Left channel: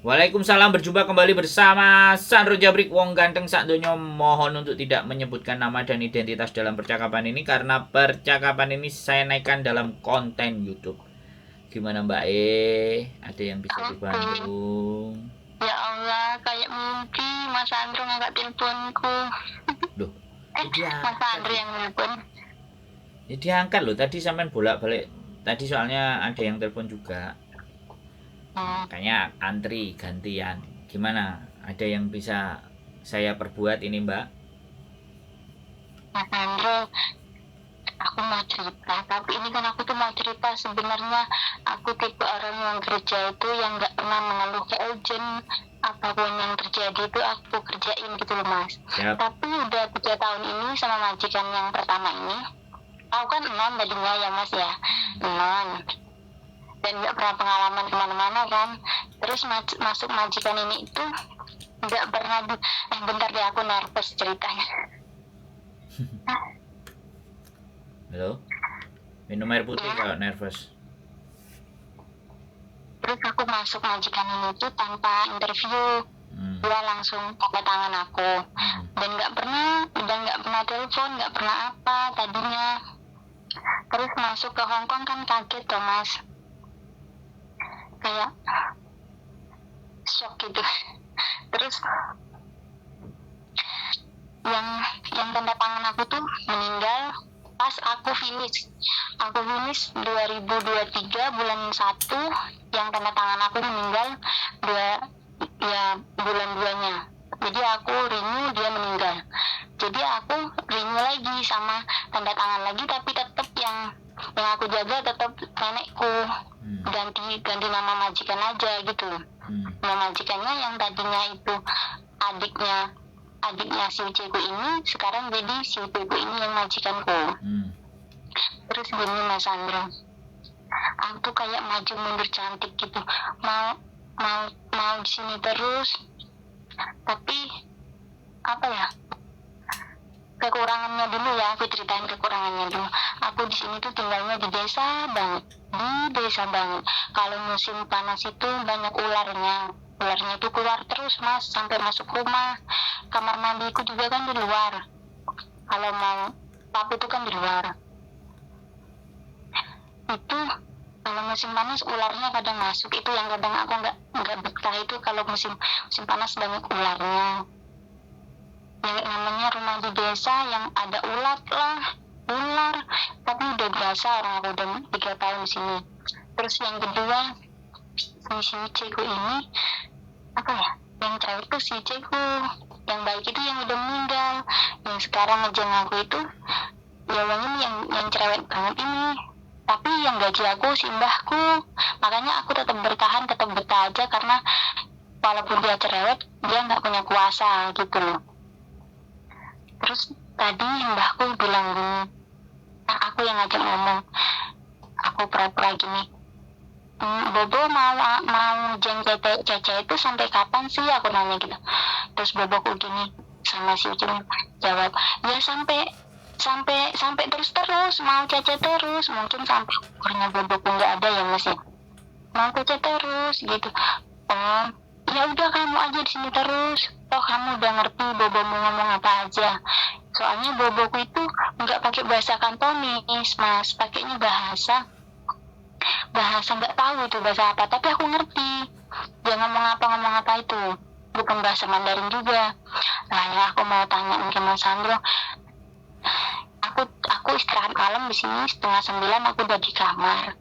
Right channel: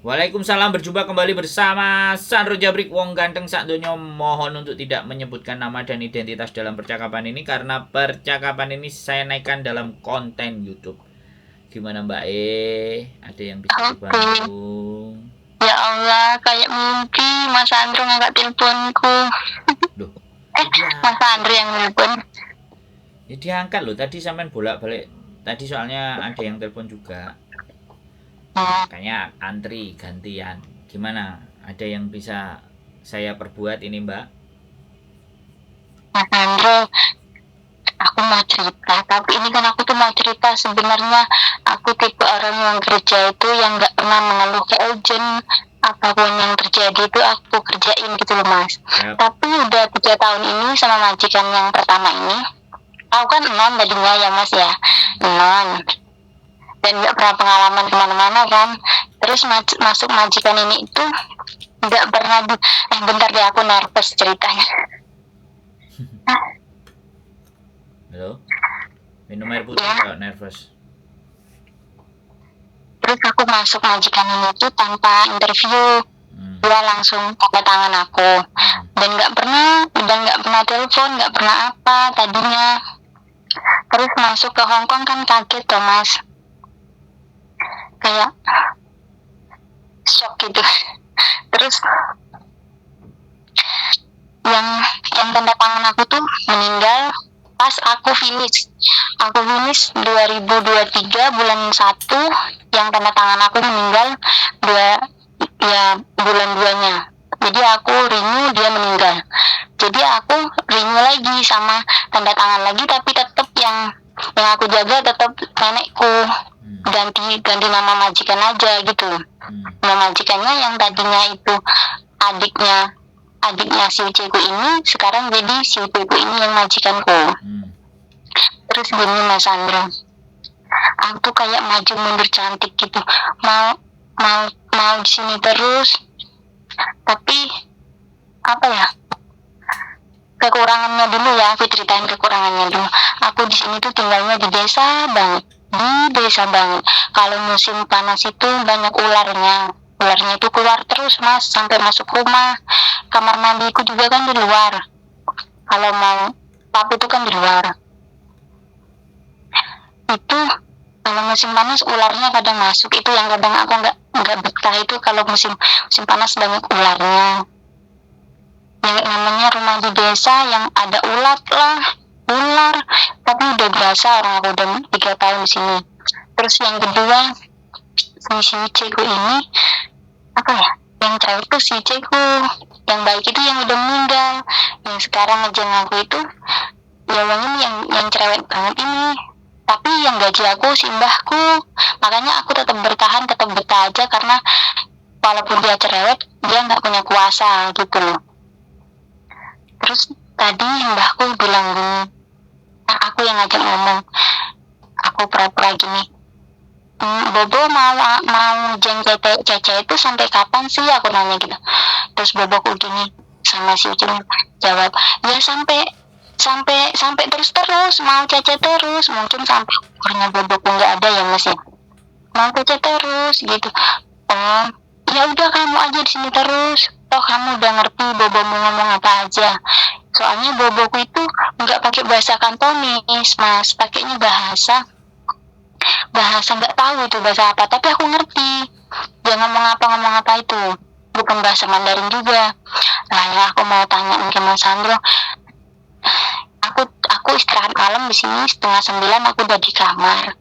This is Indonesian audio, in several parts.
Waalaikumsalam, berjumpa kembali bersama Sandro Jabrik Wong Ganteng sak donya. Mohon untuk tidak menyebutkan nama dan identitas dalam percakapan ini karena percakapan ini saya naikkan dalam konten YouTube. Gimana Mbak Ada yang bisa Oke. dibantu? Ya Allah, kayak mimpi Mas Andro ngangkat teleponku. Loh, Mas Andro yang nelpon. ya diangkat loh. Tadi sampean bolak-balik. Tadi soalnya ada yang telepon juga. Kayaknya antri gantian. Gimana? Ada yang bisa saya perbuat ini Mbak? Mas Andro, aku mau cerita. Tapi ini kan aku tuh mau cerita sebenarnya aku tipe orang yang kerja itu yang nggak pernah mengeluh ke urgent. Apapun yang terjadi itu aku kerjain gitu loh Mas. Yap. Tapi udah 3 tahun ini sama majikan yang pertama ini, aku kan non tadinya ya Mas ya, non. Dan nggak pernah pengalaman kemana-mana kan. Terus masuk majikan ini itu nggak pernah bentar deh, aku nervous ceritanya. Halo? Minum air putih Ya. kalau nervous. Terus aku masuk majikan ini itu tanpa interview. Dia langsung tanda tangan aku. Dan nggak pernah telepon, nggak pernah apa tadinya. Terus masuk ke Hongkong kan kaget tuh Mas. Kayak shock gitu. Terus yang tanda tangan aku tuh meninggal pas aku finish 2023 bulan 1, yang tanda tangan aku meninggal bulan 2-nya. Jadi aku renew, dia meninggal. Jadi aku renew lagi sama tanda tangan lagi, tapi tetap yang aku jaga tetap nenekku. Ganti nama majikan aja gitu. Nama majikannya yang tadinya itu adiknya si uceku ini, sekarang jadi si uceku ini yang majikanku. Terus gini Mas Andro, aku tuh kayak maju mundur cantik gitu, mau di sini terus, tapi apa ya, kekurangannya dulu ya, aku ceritain kekurangannya dulu. Aku di sini tuh tinggalnya di desa banget. Kalau musim panas itu banyak ularnya itu keluar terus Mas, sampai masuk rumah. Kamar mandiku juga kan di luar, kalau mau pap itu kan di luar. Itu kalau musim panas ularnya kadang masuk, itu yang kadang aku nggak betah itu kalau musim panas banyak ularnya. Yang namanya rumah di desa yang ada ular, tapi udah biasa, orang aku udah 3 tahun di sini. Terus yang kedua, si Ceku ini apa ya, yang cewek itu si Ceku, yang baik itu yang udah meninggal, yang sekarang ngejeng aku itu ya yang cerewet banget ini. Tapi yang gaji aku si mbahku, makanya aku tetap bertahan, tetap betah aja, karena walaupun dia cerewet, dia nggak punya kuasa gitu loh. Terus tadi mbahku bilang gini, aku yang ngajak ngomong, aku pura-pura gini, Bobo mau jeng Cece itu sampai kapan sih, aku nanya gitu. Terus Boboku gini sama si Ucin jawab, ya sampai terus mau Cece terus, mungkin sampai umurnya Boboku nggak ada ya Mas ya, mau Cece terus gitu. Oh ya udah, kamu aja di sini terus, toh kamu udah ngerti Bobo mau ngomong apa aja. Soalnya Boboku itu nggak pakai bahasa Kantonis Mas, pakainya bahasa nggak tahu itu bahasa apa, tapi aku ngerti dia ngomong apa itu, bukan bahasa Mandarin juga. Nah ya, aku mau tanya ke Mas Sandro, aku istirahat malam di sini 8:30, aku udah di kamar,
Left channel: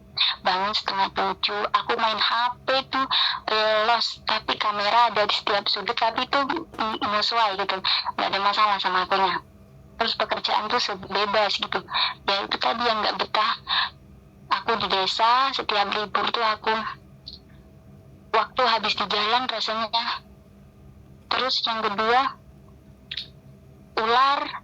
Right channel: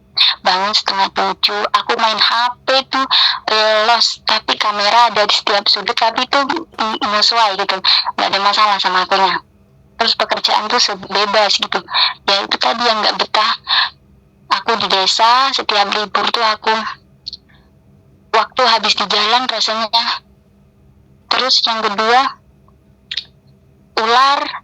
bangun 6:30, aku main HP tuh los, tapi kamera ada di setiap sudut, tapi itu sesuai gitu, nggak ada masalah sama akunya. Terus pekerjaan tuh bebas gitu, ya itu tadi yang nggak betah. Aku di desa, setiap libur tuh aku waktu habis di jalan rasanya. Terus yang kedua,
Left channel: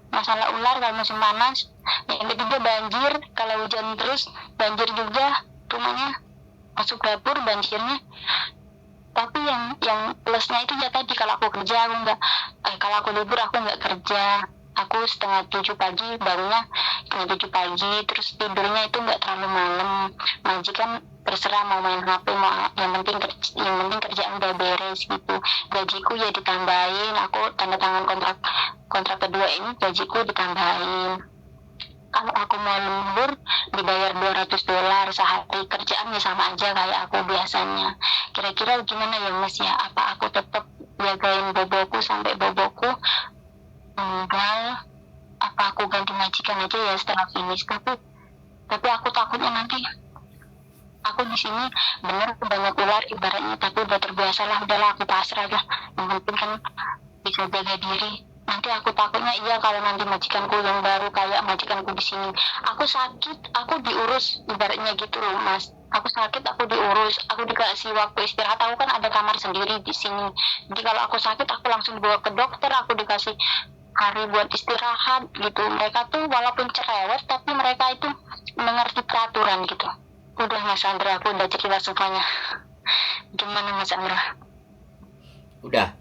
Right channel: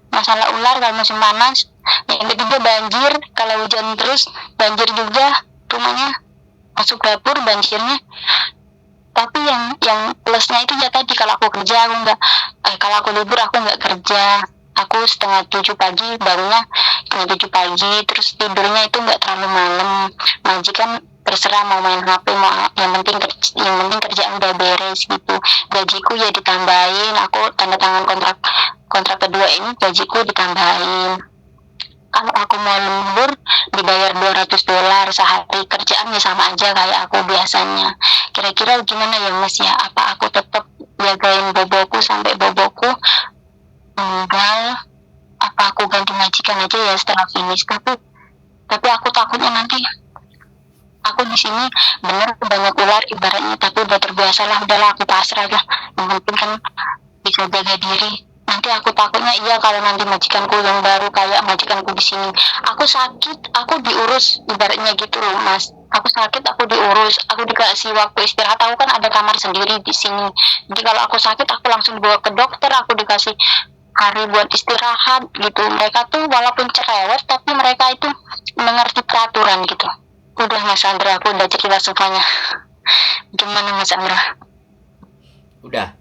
masalah ular kalau musim panas. Yang ketiga banjir, kalau hujan terus banjir juga, rumahnya masuk dapur banjirnya. Tapi yang plusnya itu ya tadi, kalau aku kerja aku nggak, kalau aku libur aku nggak kerja. Aku 6:30 pagi bangunnya 7 pagi, terus tidurnya itu nggak terlalu malam. Majikan terserah mau main HP, mau yang penting kerjaan udah beres gitu. Gajiku ya ditambahin, aku tanda tangan kontrak kedua ini gajiku ditambahin. Kalau aku mau lembur dibayar $200 sehari, kerjaannya sama aja kayak aku biasanya. Kira-kira gimana ya Mas ya? Apa aku tetap jagain boboku sampai boboku meninggal? Apa aku ganti majikan aja ya setelah finish? Tapi aku takutnya nanti aku di sini bener banyak ular ibaratnya, tapi udah terbiasa lah, udahlah aku pasrah lah. Yang penting kan bisa jaga diri. Nanti aku takutnya kalau nanti majikanku yang baru kayak majikanku di sini, aku sakit, aku diurus ibaratnya gitu loh Mas. Aku sakit, aku diurus, aku dikasih waktu istirahat. Aku kan ada kamar sendiri di sini. Jadi kalau aku sakit, aku langsung dibawa ke dokter, aku dikasih hari buat istirahat gitu. Mereka tuh walaupun cerewet, tapi mereka itu mengerti peraturan gitu. Udah Mas Andra, aku udah cerita semuanya. Gimana Mas Andra? Udah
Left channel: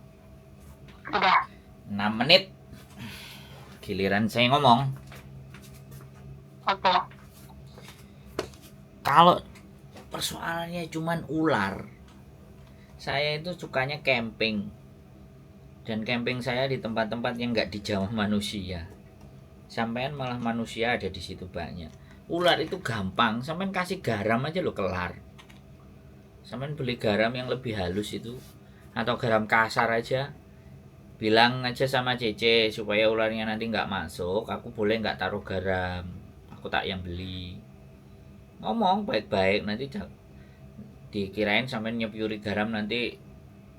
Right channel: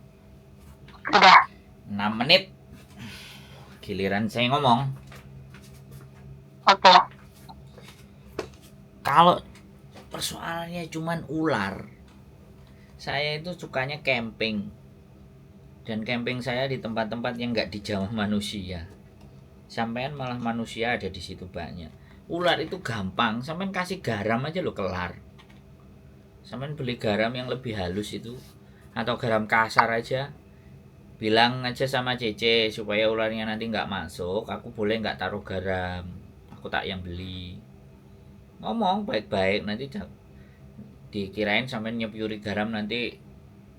Udah. 6 menit. Giliran saya ngomong. Oke. Kalau persoalannya cuman ular, saya itu sukanya camping. Dan camping saya di tempat-tempat yang nggak dijamah manusia. Sampean malah manusia ada di situ banyak. Ular itu gampang, sampean kasih garam aja lo kelar. Sampean beli garam yang lebih halus itu, atau garam kasar aja. Bilang aja sama Cece supaya ularnya nanti nggak masuk. Aku boleh nggak taruh garam, aku tak yang beli. Ngomong baik-baik, nanti dikirain sampean nyepuri garam nanti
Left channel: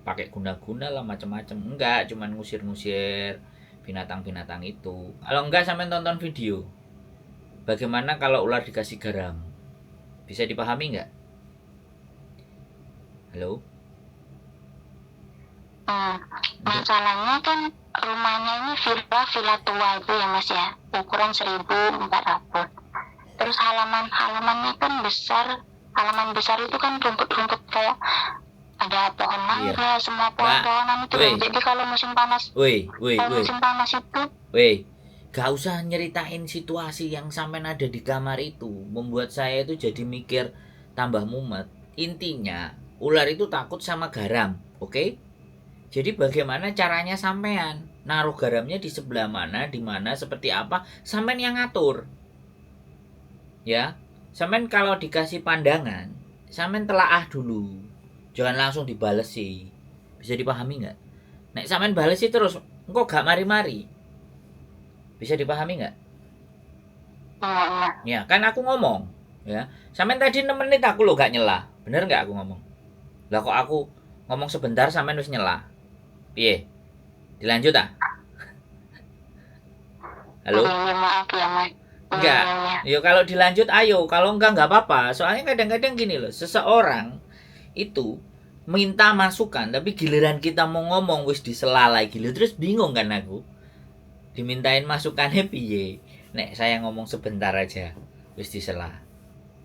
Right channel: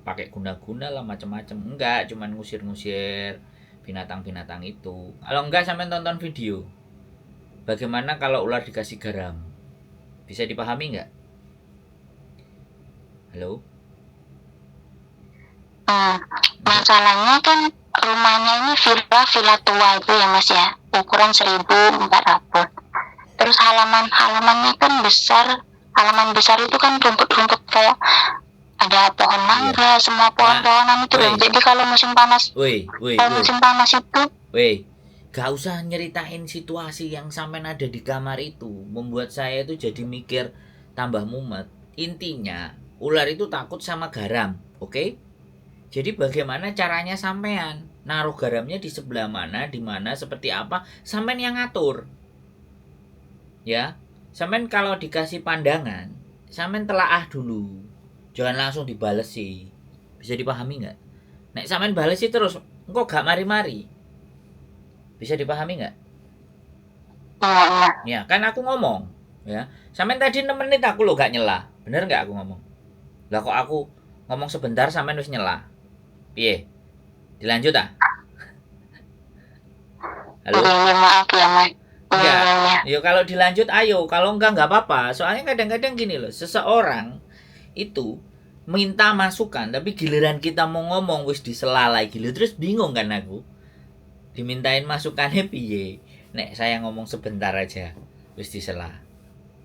pakai guna-guna lah macam-macam. Enggak, cuman ngusir-ngusir binatang-binatang itu. Kalau enggak sampean tonton video bagaimana kalau ular dikasih garam. Bisa dipahami enggak? Halo? Masalahnya kan rumahnya ini villa tua itu ya Mas ya, ukuran 1.400. Terus halamannya kan besar. Halaman besar itu kan rumput-rumput kayak ada pohon mangga, semua pohon-pohonan itu. Jadi kalau musim panas, musim panas itu, gak usah nyeritain situasi yang sampai ada di kamar itu, membuat saya itu jadi mikir tambah mumet. Intinya ular itu takut sama garam, oke? Jadi bagaimana caranya sampean naruh garamnya di sebelah mana, di mana, seperti apa, sampean yang ngatur. Ya, sampean kalau dikasih pandangan, sampean telaah dulu. Jangan langsung dibales sih. Bisa dipahami nggak? Nek sampean bales sih terus, engkau gak mari-mari. Bisa dipahami nggak? Ya, kan aku ngomong, ya. Sampean tadi 6 menit aku lo gak nyela. Bener nggak aku ngomong? Lah kok aku ngomong sebentar sampean wis nyela. Piye? Dilanjut ah? Halo? Maaf ya Mas. Enggak. Yo kalau dilanjut ayo, kalau enggak apa-apa. Soalnya kadang-kadang gini loh, seseorang itu minta masukan tapi giliran kita mau ngomong wis disela lagi lho, terus bingung kan aku. Dimintain masukannya piye? Nek saya ngomong sebentar aja wis disela.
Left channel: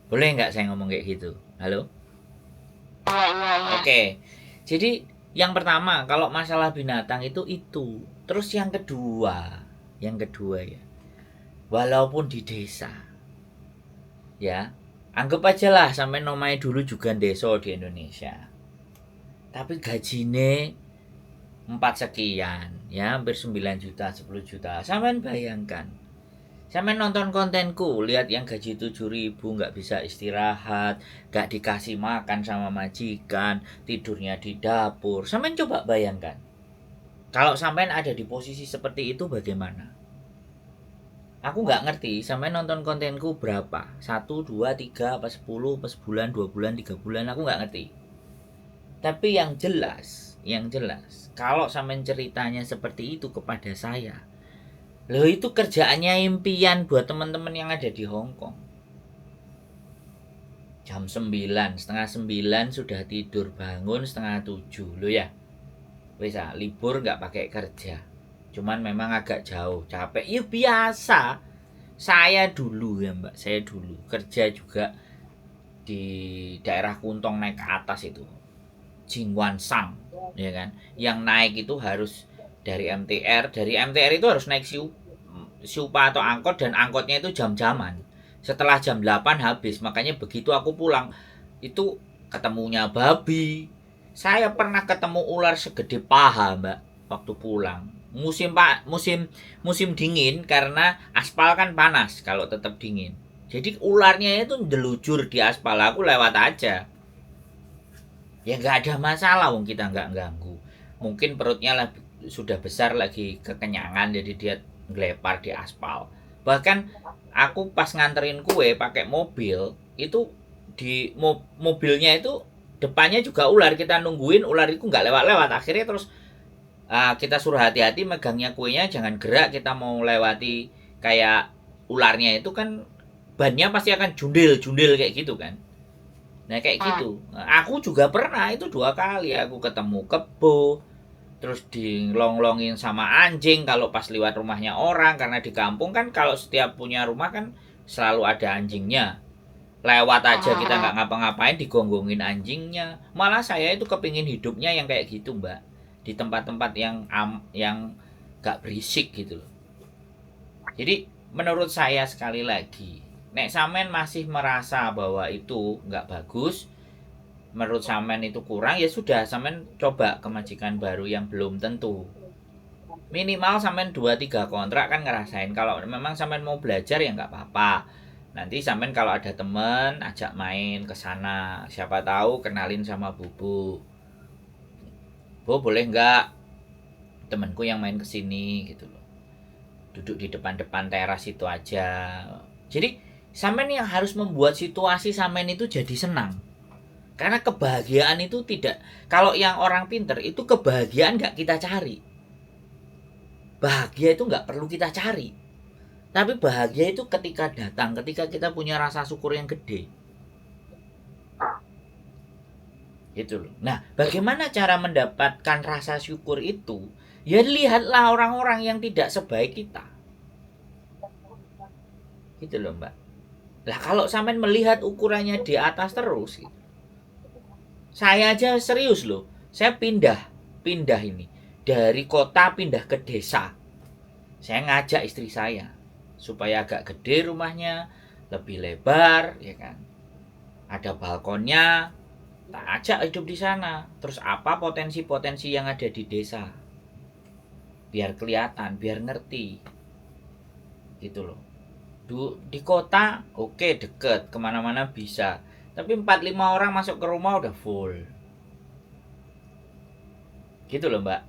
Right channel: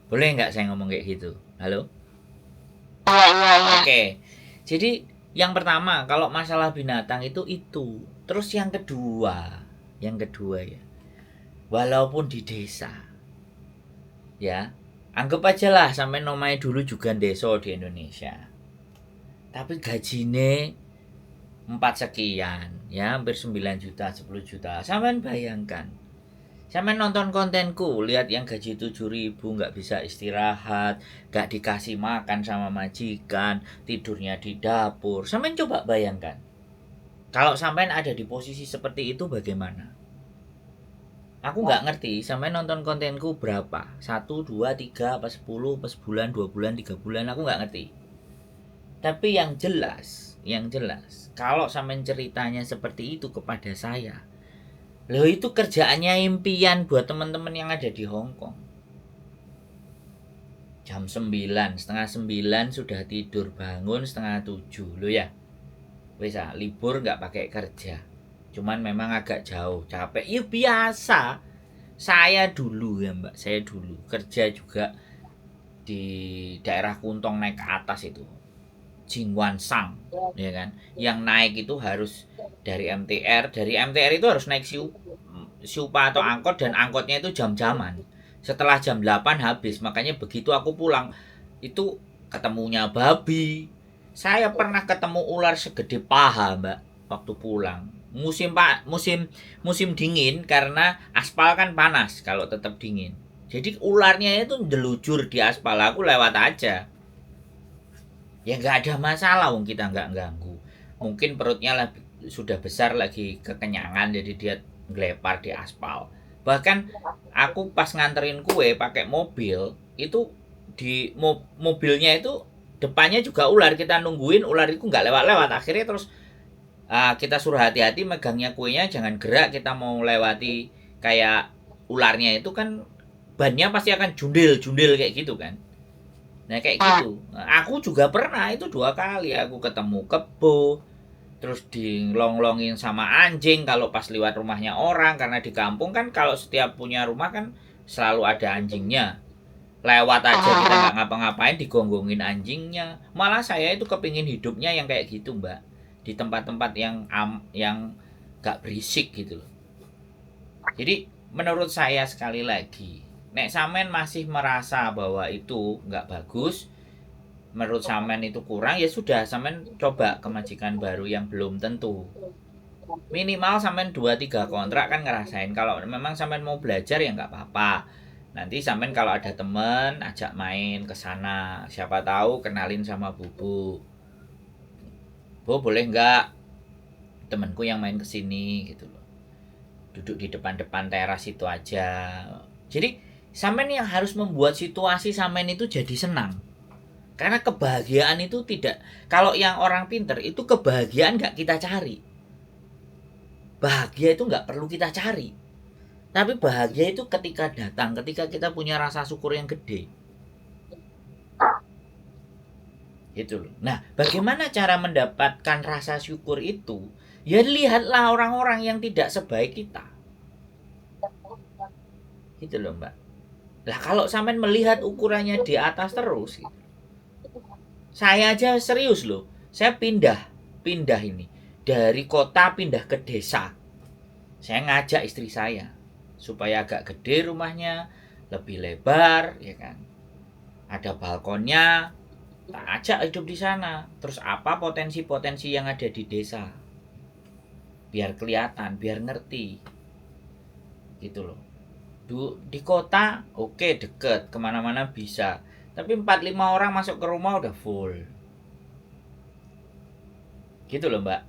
Boleh enggak saya ngomong kayak gitu? Halo? Iya. Oke. Jadi yang pertama kalau masalah binatang itu. Terus yang kedua ya, walaupun di desa, ya anggap aja lah sampai namanya dulu juga desa di Indonesia, tapi gajine 4 sekian, ya hampir 9 juta, 10 juta. Sampean bayangkan, sampean nonton kontenku, lihat yang gaji 7.000 nggak bisa istirahat, nggak dikasih makan sama majikan, tidurnya di dapur. Sampean coba bayangkan, kalau sampean ada di posisi seperti itu bagaimana? Aku nggak ngerti sampean nonton kontenku berapa, 1, 2, 3, apa 10, apa sebulan, 2 bulan, 3 bulan, aku nggak ngerti. Tapi yang jelas, kalau sampean ceritanya seperti itu kepada saya, loh itu kerjaannya impian buat teman-teman yang ada di Hong Kong. Jam 9, setengah 9 sudah tidur, bangun setengah 7, loh ya. Wes libur nggak pakai kerja. Cuman memang agak jauh, capek. Ya biasa. Saya dulu ya Mbak, saya dulu kerja juga di daerah Kuntong naik ke atas itu. Jingwansang, ya kan? Yang naik itu harus dari MTR itu harus naik Siupa atau angkot, dan angkotnya itu jam-jaman. Setelah jam 8 habis, makanya begitu aku pulang itu ketemunya babi. Saya pernah ketemu ular segede paha, Mbak, waktu pulang. Musim dingin karena aspal kan panas kalau tetap dingin. Jadi ularnya itu ndelujur di aspal, aku lewat aja. Ya nggak ada masalah, wong kita nggak ganggu. Mungkin perutnya sudah besar lagi kekenyangan, jadi dia ngelepar di aspal. Bahkan aku pas nganterin kue pakai mobil itu di mobilnya itu depannya juga ular, kita nungguin ular itu nggak lewat-lewat, akhirnya terus kita suruh hati-hati megangnya kuenya, jangan gerak, kita mau lewati kayak ularnya itu kan bannya pasti akan jundil kayak gitu kan. Nah kayak gitu. Nah, aku juga pernah itu 2 kali aku ketemu kebo, terus dilonglongin sama anjing kalau pas lewat rumahnya orang, karena di kampung kan kalau setiap punya rumah kan selalu ada anjingnya. Lewat aja kita nggak ngapa-ngapain digonggongin anjingnya. Malah saya itu kepingin hidupnya yang kayak gitu, Mbak, di tempat-tempat yang gak berisik gitu loh. Jadi menurut saya sekali lagi, nek sampean masih merasa bahwa itu nggak bagus, menurut sampean itu kurang, ya sudah, sampean coba ke majikan baru yang belum tentu. Minimal sampean 2-3 kontrak kan ngerasain. Kalau memang sampean mau belajar ya nggak apa-apa. Nanti sampean kalau ada temen ajak main ke sana. Siapa tahu kenalin sama Bubu. Bu, boleh nggak temenku yang main ke sini gitu loh. Duduk di depan-depan teras itu aja. Jadi sampean yang harus membuat situasi sampean itu jadi senang. Karena kebahagiaan itu tidak, kalau yang orang pinter itu kebahagiaan nggak kita cari. Bahagia itu nggak perlu kita cari. Tapi bahagia itu ketika datang, ketika kita punya rasa syukur yang gede. Gitu loh. Nah, bagaimana cara mendapatkan rasa syukur itu? Ya lihatlah orang-orang yang tidak sebaik kita. Gitu loh, Mbak. Lah kalau sampean melihat ukurannya di atas terus gitu. Saya aja serius loh. Saya pindah ini dari kota pindah ke desa. Saya ngajak istri saya supaya agak gede rumahnya, lebih lebar, ya kan. Ada balkonnya, tak ajak hidup di sana. Terus apa potensi-potensi yang ada di desa? Biar kelihatan, biar ngerti. Gitu loh. Di kota, oke, deket, kemana-mana bisa. Tapi 4-5 orang masuk ke rumah udah full. Gitu loh, Mbak.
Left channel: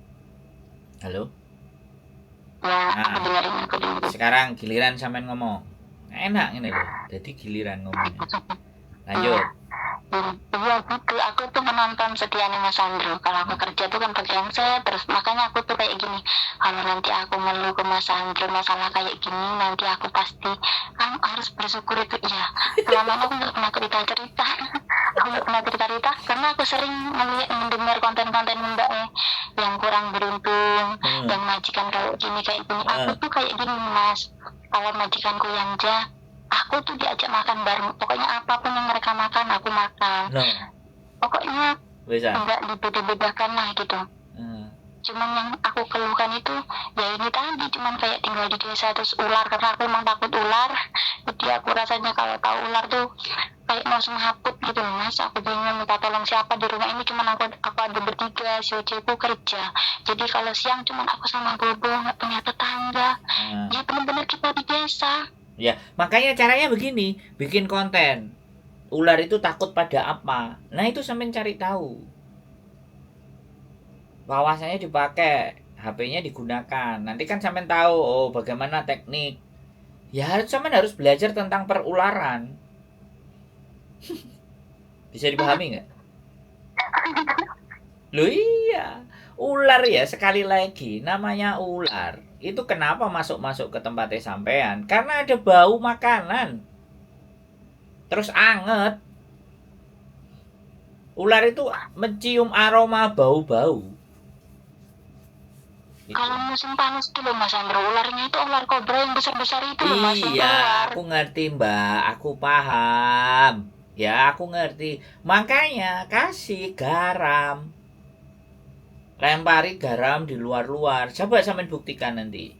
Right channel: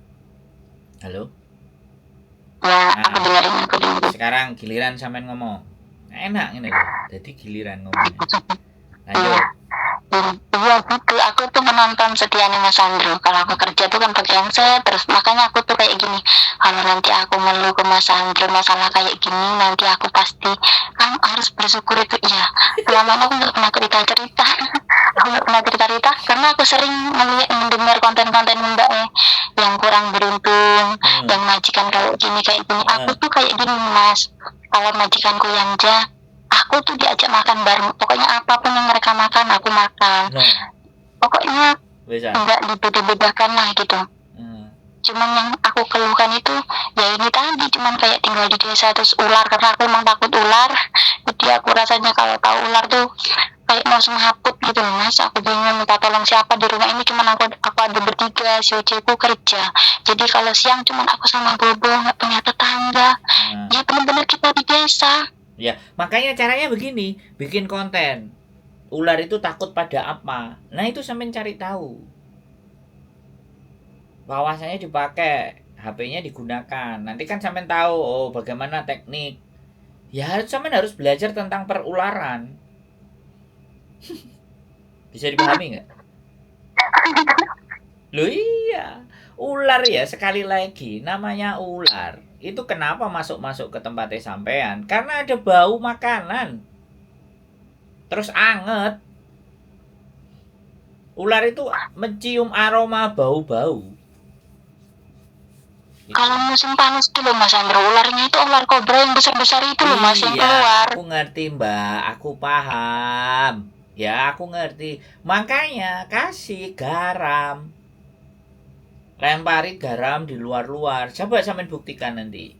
Halo? Ya, aku dengerin. Sekarang giliran sampean ngomong. Enak ini loh. Jadi giliran ngomongnya. Lanjut. Iya gitu, aku tuh menonton setianya Mas Andro. Kalau aku kerja tuh kan pakai handset, terus makanya aku tuh kayak gini. Kalau nanti aku ngeluh ke Mas Andro masalah kayak gini, nanti aku pasti kan harus bersyukur itu. Iya, selama aku nggak pernah cerita. Aku nggak pernah cerita karena aku sering mendengar konten-konten Mbak yang kurang beruntung, yang majikan kayak gini. Aku tuh kayak gini Mas. Kalau majikanku yang aku tuh diajak makan bareng, pokoknya apapun yang mereka makan aku makan. Pokoknya enggak dibeda-bedakan lah gitu. Cuman yang aku keluhkan itu ya ini tadi, cuman kayak tinggal di desa terus ular, karena aku emang takut ular. Jadi aku rasanya kalau tahu ular tuh kayak mau semaput gitu Mas. Aku bingung minta tolong siapa di rumah ini, cuman aku ada bertiga, si Oceku kerja. Jadi kalau siang cuman aku sama Bobo, nggak punya tetangga. Ya benar-benar kita di desa. Ya, makanya caranya begini, bikin konten. Ular itu takut pada apa? Nah, itu sampean cari tahu. Wawasannya dipakai, HP-nya digunakan. Nanti kan sampean tahu, oh bagaimana teknik. Ya, sampean harus belajar tentang perularan. Bisa dipahami nggak? Loh iya, ular ya, sekali lagi namanya ular. Itu kenapa masuk-masuk ke tempatnya sampean? Karena ada bau makanan. Terus anget. Ular itu mencium aroma bau-bau. Gitu. Kalau musim panas itu loh Mas Andro, ularnya itu ular kobra yang besar-besar itu loh Mas, yang keluar. Aku ngerti Mbak, aku paham. Ya aku ngerti. Makanya kasih garam. Lempari garam di luar-luar. Coba sampean buktikan nanti.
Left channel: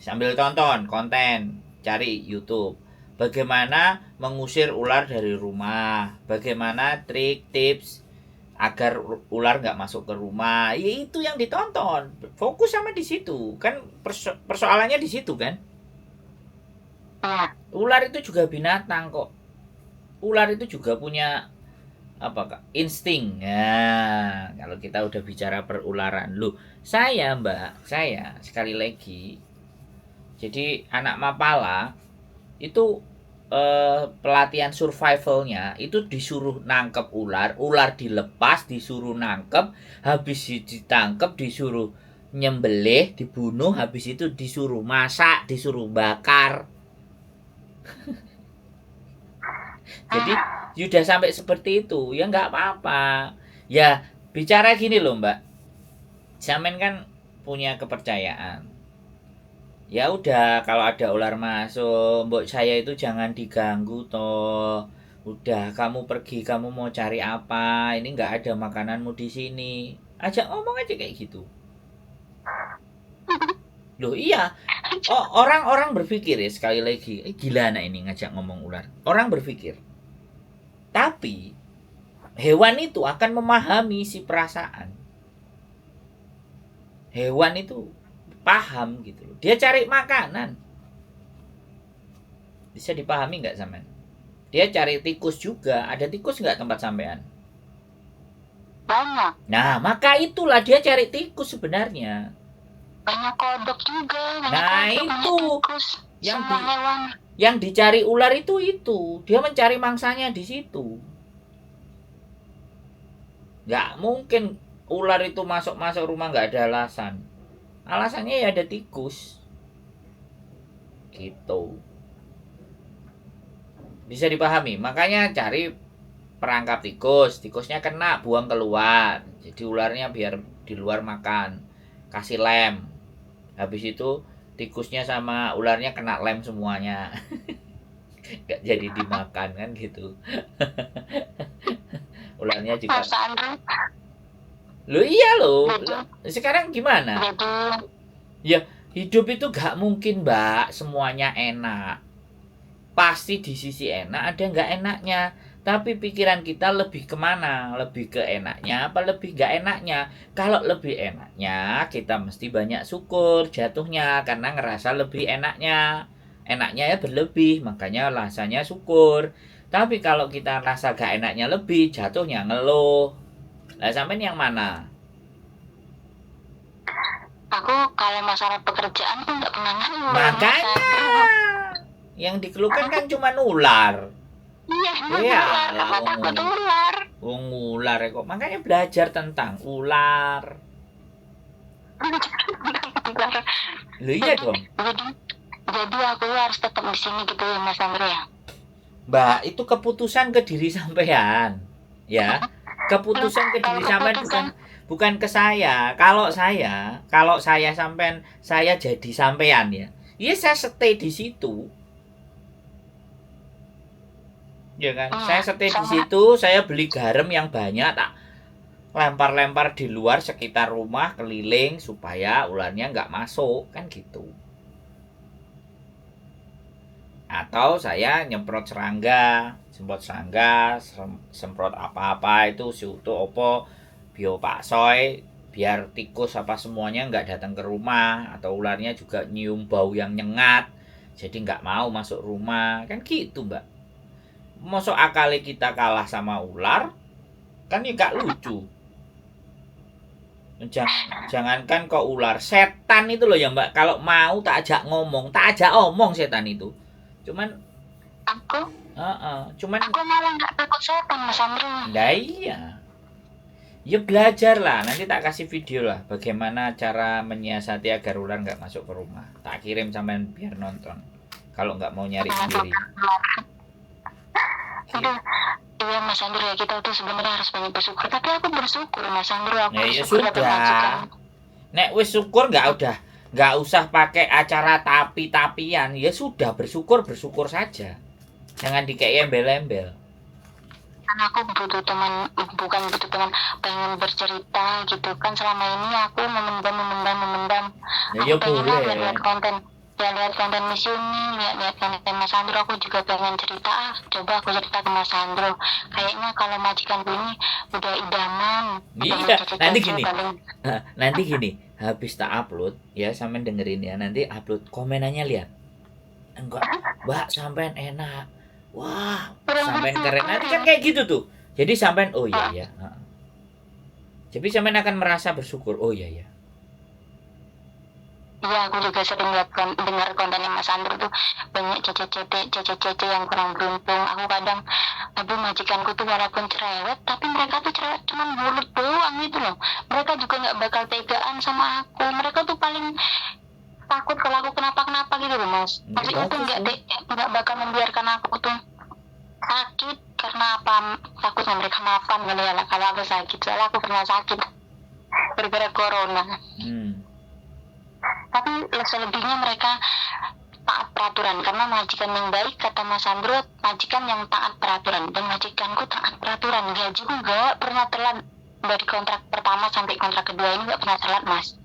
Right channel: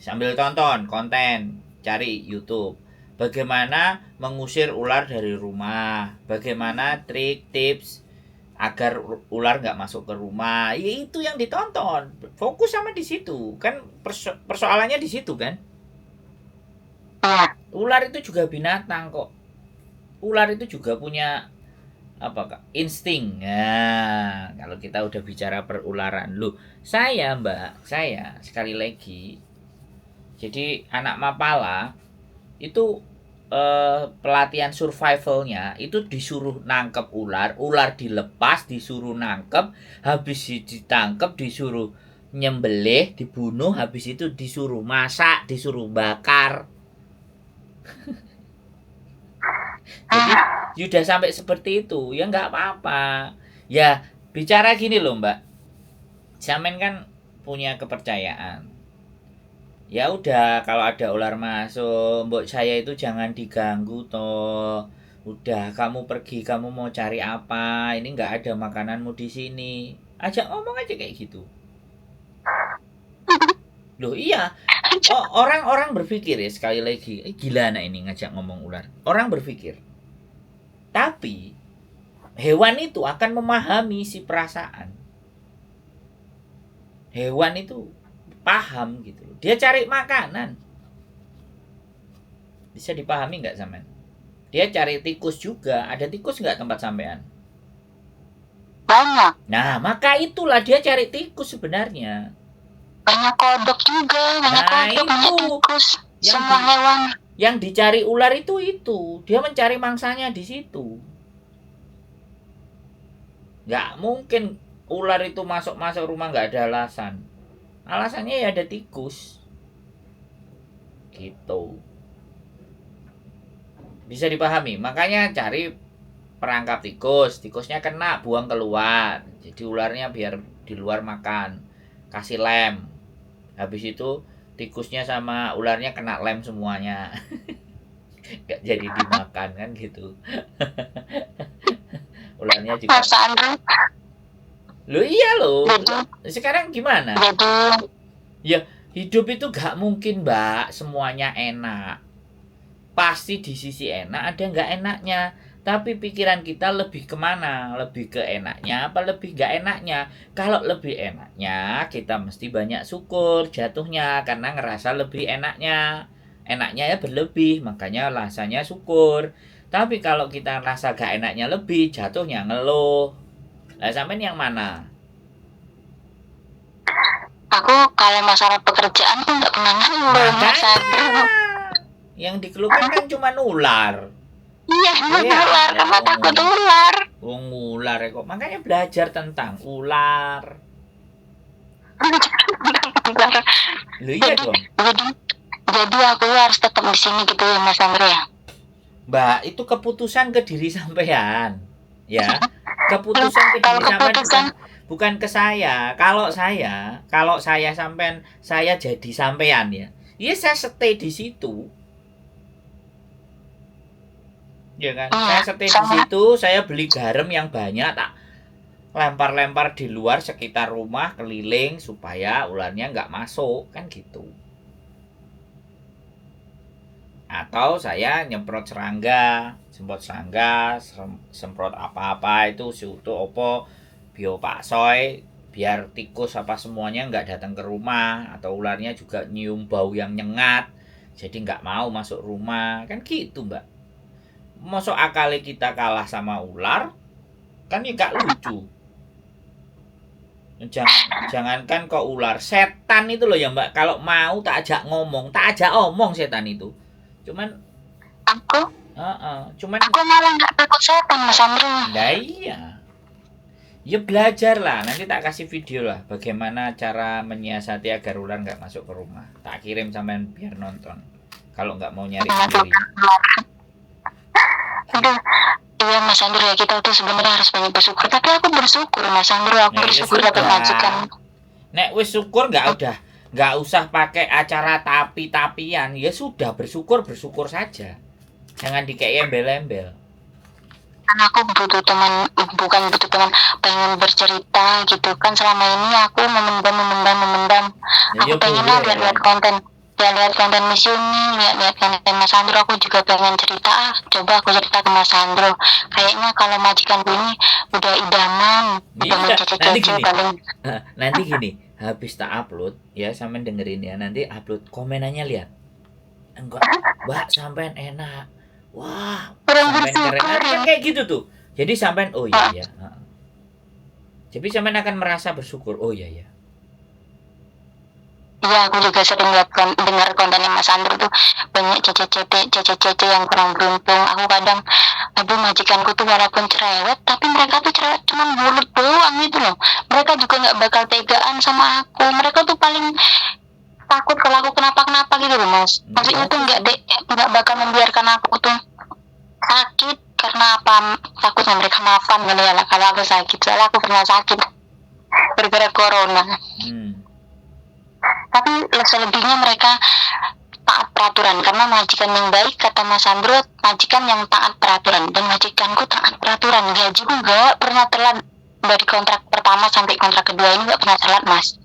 Sambil tonton konten, cari YouTube. bagaimana mengusir ular dari rumah, bagaimana trik tips agar ular nggak masuk ke rumah. Ya itu yang ditonton, fokus sama di situ kan, persoalannya di situ kan. Iya. Ular itu juga binatang kok, ular itu juga punya apa kak, insting. Nah kalau kita udah bicara perularan, loh saya mbak, saya sekali lagi, jadi anak Mapala itu pelatihan survivalnya itu disuruh nangkep ular, ular dilepas, disuruh nangkep, habis ditangkep disuruh nyembelih, dibunuh, habis itu disuruh masak, disuruh bakar. Jadi sudah sampai seperti itu, ya nggak apa-apa. Ya bicara gini loh mbak, Samen kan punya kepercayaan. Ya udah kalau ada ular masuk, mbok saya itu jangan diganggu toh. Udah kamu pergi, kamu mau cari apa? Ini nggak ada makananmu di sini. Ajak ngomong aja kayak gitu. Loh iya, orang-orang berpikir ya sekali lagi, gila anak ini ngajak ngomong ular. Orang berpikir, tapi hewan itu akan memahami si perasaan. Hewan itu paham gitu loh. Dia cari makanan. Bisa dipahami nggak sampean? Dia cari tikus juga. Ada tikus nggak tempat sampean? Banyak. Nah, maka itulah dia cari tikus sebenarnya. Banyak kodok juga, banyak Nah, kodok, banyak itu tikus, yang semua hewan. Yang dicari ular itu. Dia mencari mangsanya di situ. Nggak mungkin ular itu masuk rumah nggak ada alasan. Alasannya ya ada tikus. Gitu. Bisa dipahami. Makanya cari perangkap tikus. Tikusnya kena, buang keluar. Jadi ularnya biar di luar makan. Kasih lem. Habis itu tikusnya sama ularnya kena lem semuanya. Gak jadi dimakan kan gitu. Ularnya juga. Loh iya loh. Sekarang gimana? Ya hidup itu gak mungkin mbak semuanya enak. Pasti di sisi enak ada gak enaknya. Tapi pikiran kita lebih kemana? Lebih ke enaknya apa lebih gak enaknya? Kalau lebih enaknya kita mesti banyak syukur jatuhnya. Karena ngerasa lebih enaknya. Enaknya ya berlebih, makanya rasanya syukur. Tapi kalau kita rasa gak enaknya lebih, jatuhnya ngeluh. Lah sampean yang mana? Aku kalau masalah pekerjaan tuh nggak pernah ngeluh. Makanya yang dikeluhkan kan cuma ular. Iya, ular, karena takut ular. Ular kok. Makanya belajar tentang ular. Loh iya dong. Jadi aku harus tetap di sini gitu ya Mas Andro ya. Mbak, itu keputusan ke diri sampean. Ya. Keputusan ke diri sampean bukan ke saya. Kalau saya sampean, saya jadi sampean ya. Iya saya stay di situ. Ya kan? Saya stay di situ, saya beli garam yang banyak, tak lempar-lempar di luar sekitar rumah keliling supaya ularnya nggak masuk, kan gitu. Atau saya semprot serangga, semprot apa-apa itu siutu opo biopaksoy biar tikus apa semuanya nggak datang ke rumah, atau ularnya juga nyium bau yang nyengat jadi nggak mau masuk rumah, kan gitu mbak. Masuk akali kita kalah sama ular kan ya nggak lucu. Jangankan kok ular, setan itu loh ya mbak, kalau mau tak ajak omong setan itu. Cuman aku malah nggak takut setan Mas Andro. Nah iya. Ya belajar lah, nanti tak kasih video lah bagaimana cara menyiasati agar ular nggak masuk ke rumah. Tak kirim sampean biar nonton. Kalau nggak mau nyari sendiri. Aduh, iya Mas Andro ya, kita tuh sebenarnya harus banyak bersyukur. Tapi aku bersyukur Mas Andro, aku bersyukur dapat majikan. Nek wis syukur nggak usah pakai acara tapi-tapian, ya sudah bersyukur saja. Jangan dikei embel-embel. Karena aku butuh teman, bukan butuh teman, pengen bercerita gitu kan. Selama ini aku memendam. Ya, aku pengen lihat konten. ya lihat konten Miss Yuni, lihat konten Mas Sandro, aku juga pengen cerita. Coba aku cerita ke Mas Sandro. Kayaknya kalau majikanku ini udah idaman, udah Iya, nanti mencece-cece gini. paling. Nanti gini, habis tak upload ya, sampean dengerin ya. Nanti upload komenannya lihat. Enggak, Mbak, sampean enak. Wah, Kurang sampean keren. bersyukur Nanti ya. kan kayak gitu tuh. Jadi sampean oh iya Ah, ya. Jadi sampean akan merasa bersyukur. Oh iya ya. Iya, aku juga sering lihat dengar kontennya Mas Sandro tuh banyak cece-cece yang kurang beruntung. Aku kadang, aduh majikanku tuh walaupun cerewet, tapi mereka tuh cerewet cuman mulut doang gitu loh. Mereka juga nggak bakal tegaan sama aku. Mereka tuh paling takut kalau aku kenapa-kenapa gitu loh Mas. Ya Maksudnya tuh bagus tuh. nggak bakal membiarkan aku tuh sakit karena apa? Takutnya mereka maafan kali ya kalau aku sakit. Soalnya aku pernah sakit gara-gara corona. Hmm. Tapi selebihnya mereka taat peraturan karena majikan yang baik kata Mas Sandro majikan yang taat peraturan dan majikanku taat peraturan gajiku nggak pernah telat dari kontrak pertama sampai kontrak kedua ini nggak pernah telat Mas.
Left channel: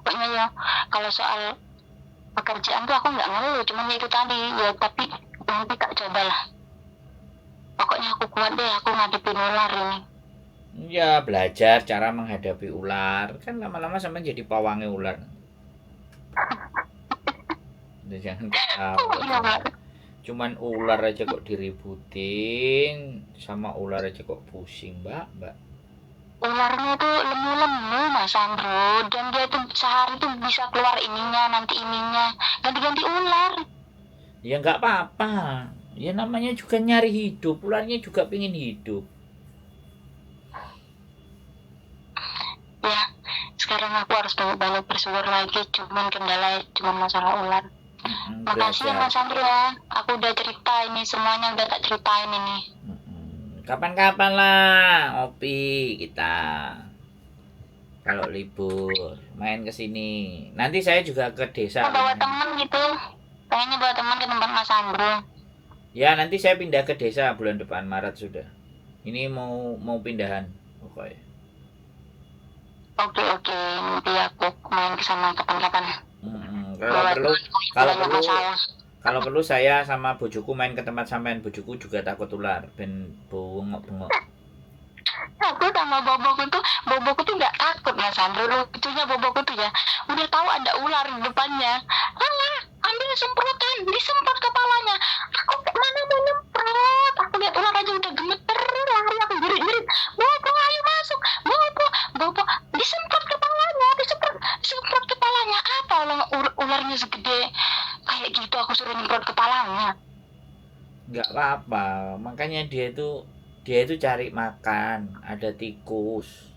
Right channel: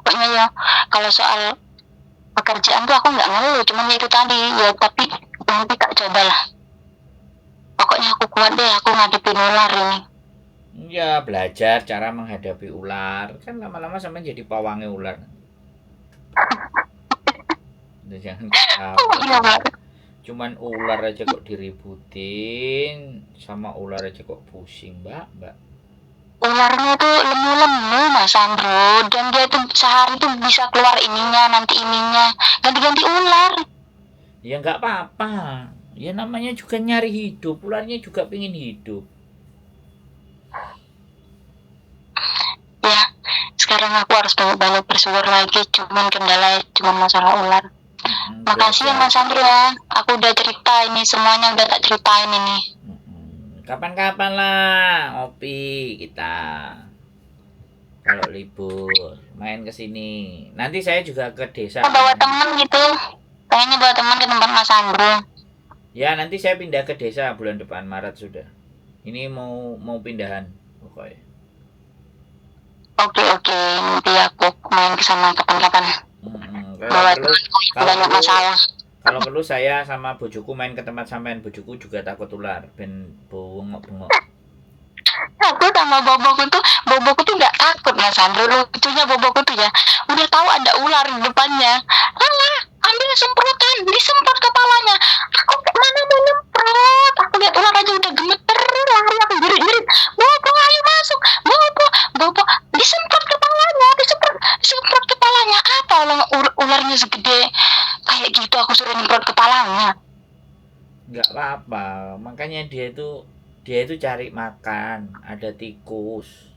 Pokoknya ya kalau soal pekerjaan tuh aku nggak ngeluh cuman ya itu tadi ya tapi nanti tak cobalah pokoknya aku kuat deh aku ngadepin ular ini. Ya belajar cara menghadapi ular. Kan lama-lama sampean jadi pawangnya ular. Udah jangan ketawa. Iya Mas. Cuman ular aja kok diributin, sama ular aja kok pusing, Mbak. Ularnya tuh lemu-lemu Mas Sandro dan dia tuh sehari tuh bisa keluar ininya nanti ininya ganti-ganti ular. Ya nggak apa-apa. Ya namanya juga nyari hidup, ularnya juga pengen hidup. Ya sekarang aku harus banyak bersyukur lagi cuman kendala cuman masalah ular. Makasih ya Mas Belajar. Sandro ya aku udah cerita ini semuanya udah tak ceritain ini. Kapan-kapan lah, ngopi kita. Kalau libur, main ke sini. Nanti saya juga ke desa. Aku bawa temen gitu kayaknya bawa teman ke tempat Mas Sandro. Ya, nanti saya pindah ke desa bulan depan Maret sudah. Ini mau pindahan pokoknya. Oke nanti aku main ke sana kapan-kapan Kalau bawa perlu temanku kalau banyak perlu masalah. kalau perlu saya sama bojoku main ke tempat sampean. Bojoku juga takut ular, ben bengok-bengok. Aku sama boboku tuh nggak takut Mas Sandro lucunya boboku tuh ya udah tahu ada ular di depannya alah ambil semprotan disemprot kepalanya aku mana mau nyemprot aku lihat ular aja udah gemeter lari aku jerit-jerit bobo ayo masuk bobo disemprot kepalanya disemprot kepalanya apa ularnya segede kayak gitu aku suruh nyemprot kepalanya. Nggak apa-apa, makanya dia itu cari makan, ada tikus.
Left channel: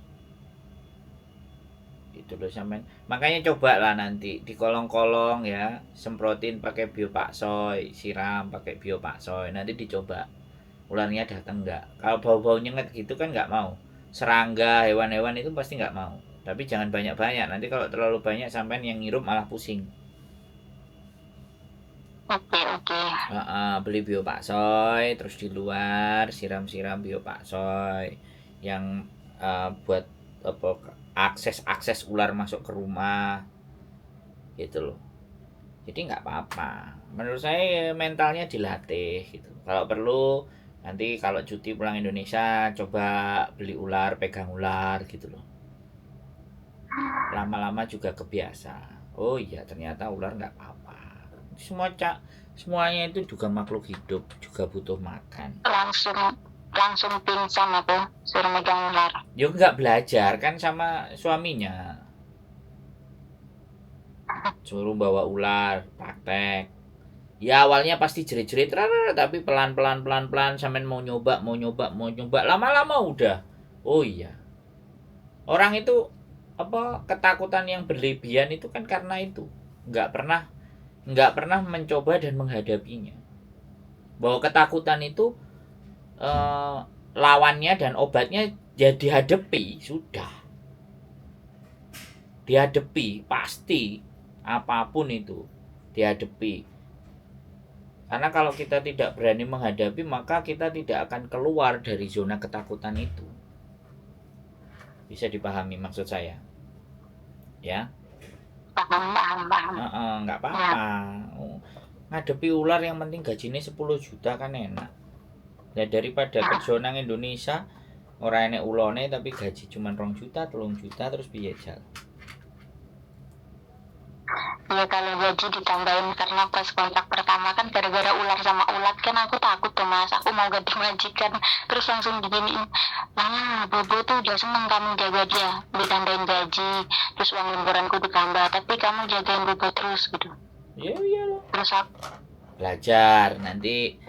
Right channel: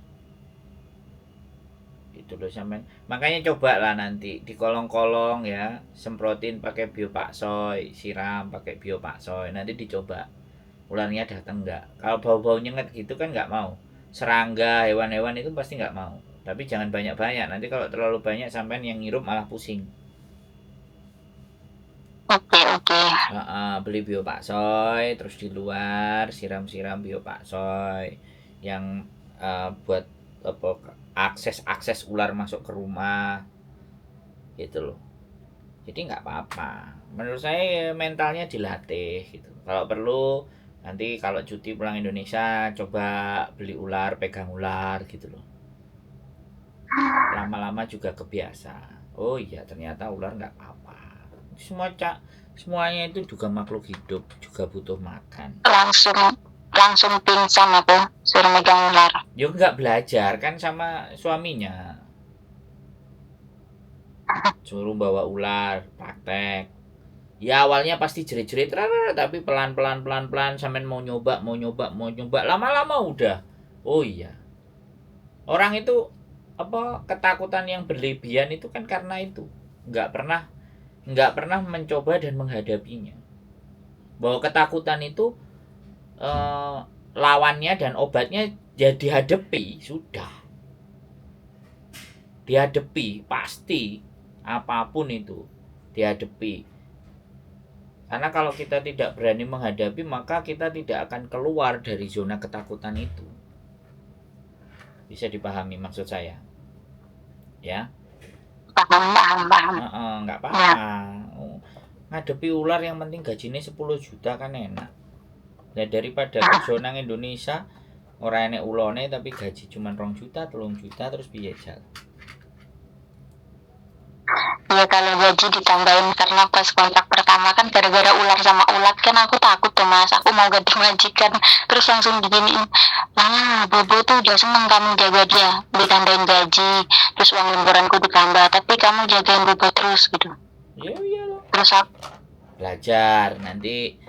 Itu loh sampean. Makanya coba lah nanti di kolong-kolong ya, semprotin pakai biopaksoy, siram pakai biopaksoy. Nanti dicoba ularnya datang nggak. Kalau bau-bau nyengat gitu kan nggak mau. Serangga, hewan-hewan itu pasti nggak mau. Tapi jangan banyak-banyak. Nanti kalau terlalu banyak sampean yang ngirup malah pusing. Oke Beli biopaksoy, terus di luar siram-siram biopaksoy yang buat apa akses ular masuk ke rumah gitu loh. Jadi nggak apa-apa. Menurut saya mentalnya dilatih gitu. Kalau perlu nanti kalau cuti pulang Indonesia coba beli ular, pegang ular gitu loh. Lama-lama juga kebiasa. Oh iya ternyata ular nggak apa-apa. Semuanya itu juga makhluk hidup, juga butuh makan. langsung pingsan aku suruh megang ular. Ya nggak belajar kan sama suaminya. Suruh bawa ular, praktek. Ya awalnya pasti jerit-jerit, tapi pelan-pelan sampean mau nyoba. Lama-lama udah. Oh iya. Orang itu apa ketakutan yang berlebihan itu kan karena itu. Nggak pernah mencoba dan menghadapinya. Bahwa ketakutan itu lawannya dan obatnya ya dihadapi sudah, dihadapi pasti apapun itu dihadapi, karena kalau kita tidak berani menghadapi maka kita tidak akan keluar dari zona ketakutan itu. Bisa dipahami maksud saya ya? paham. Nggak Ya, apa-apa. Oh, ngadepi ular yang penting gajinya 10 juta kan enak. Nah, daripada kerja nang Indonesia ora enek ulone tapi gaji cuma 2 juta, 3 juta terus piye jal. ya kalau gaji ditambahin karena pas kontrak pertama kan gara-gara ular sama ulat kan aku takut tuh mas, aku mau ganti majikan terus langsung diginiin, lah Bobo tuh udah seneng kamu jaga dia, ditambahin gaji, terus uang lemburanku ditambah, tapi kamu jagain Bobo terus gitu. Ya iyalah. Terus aku Belajar nanti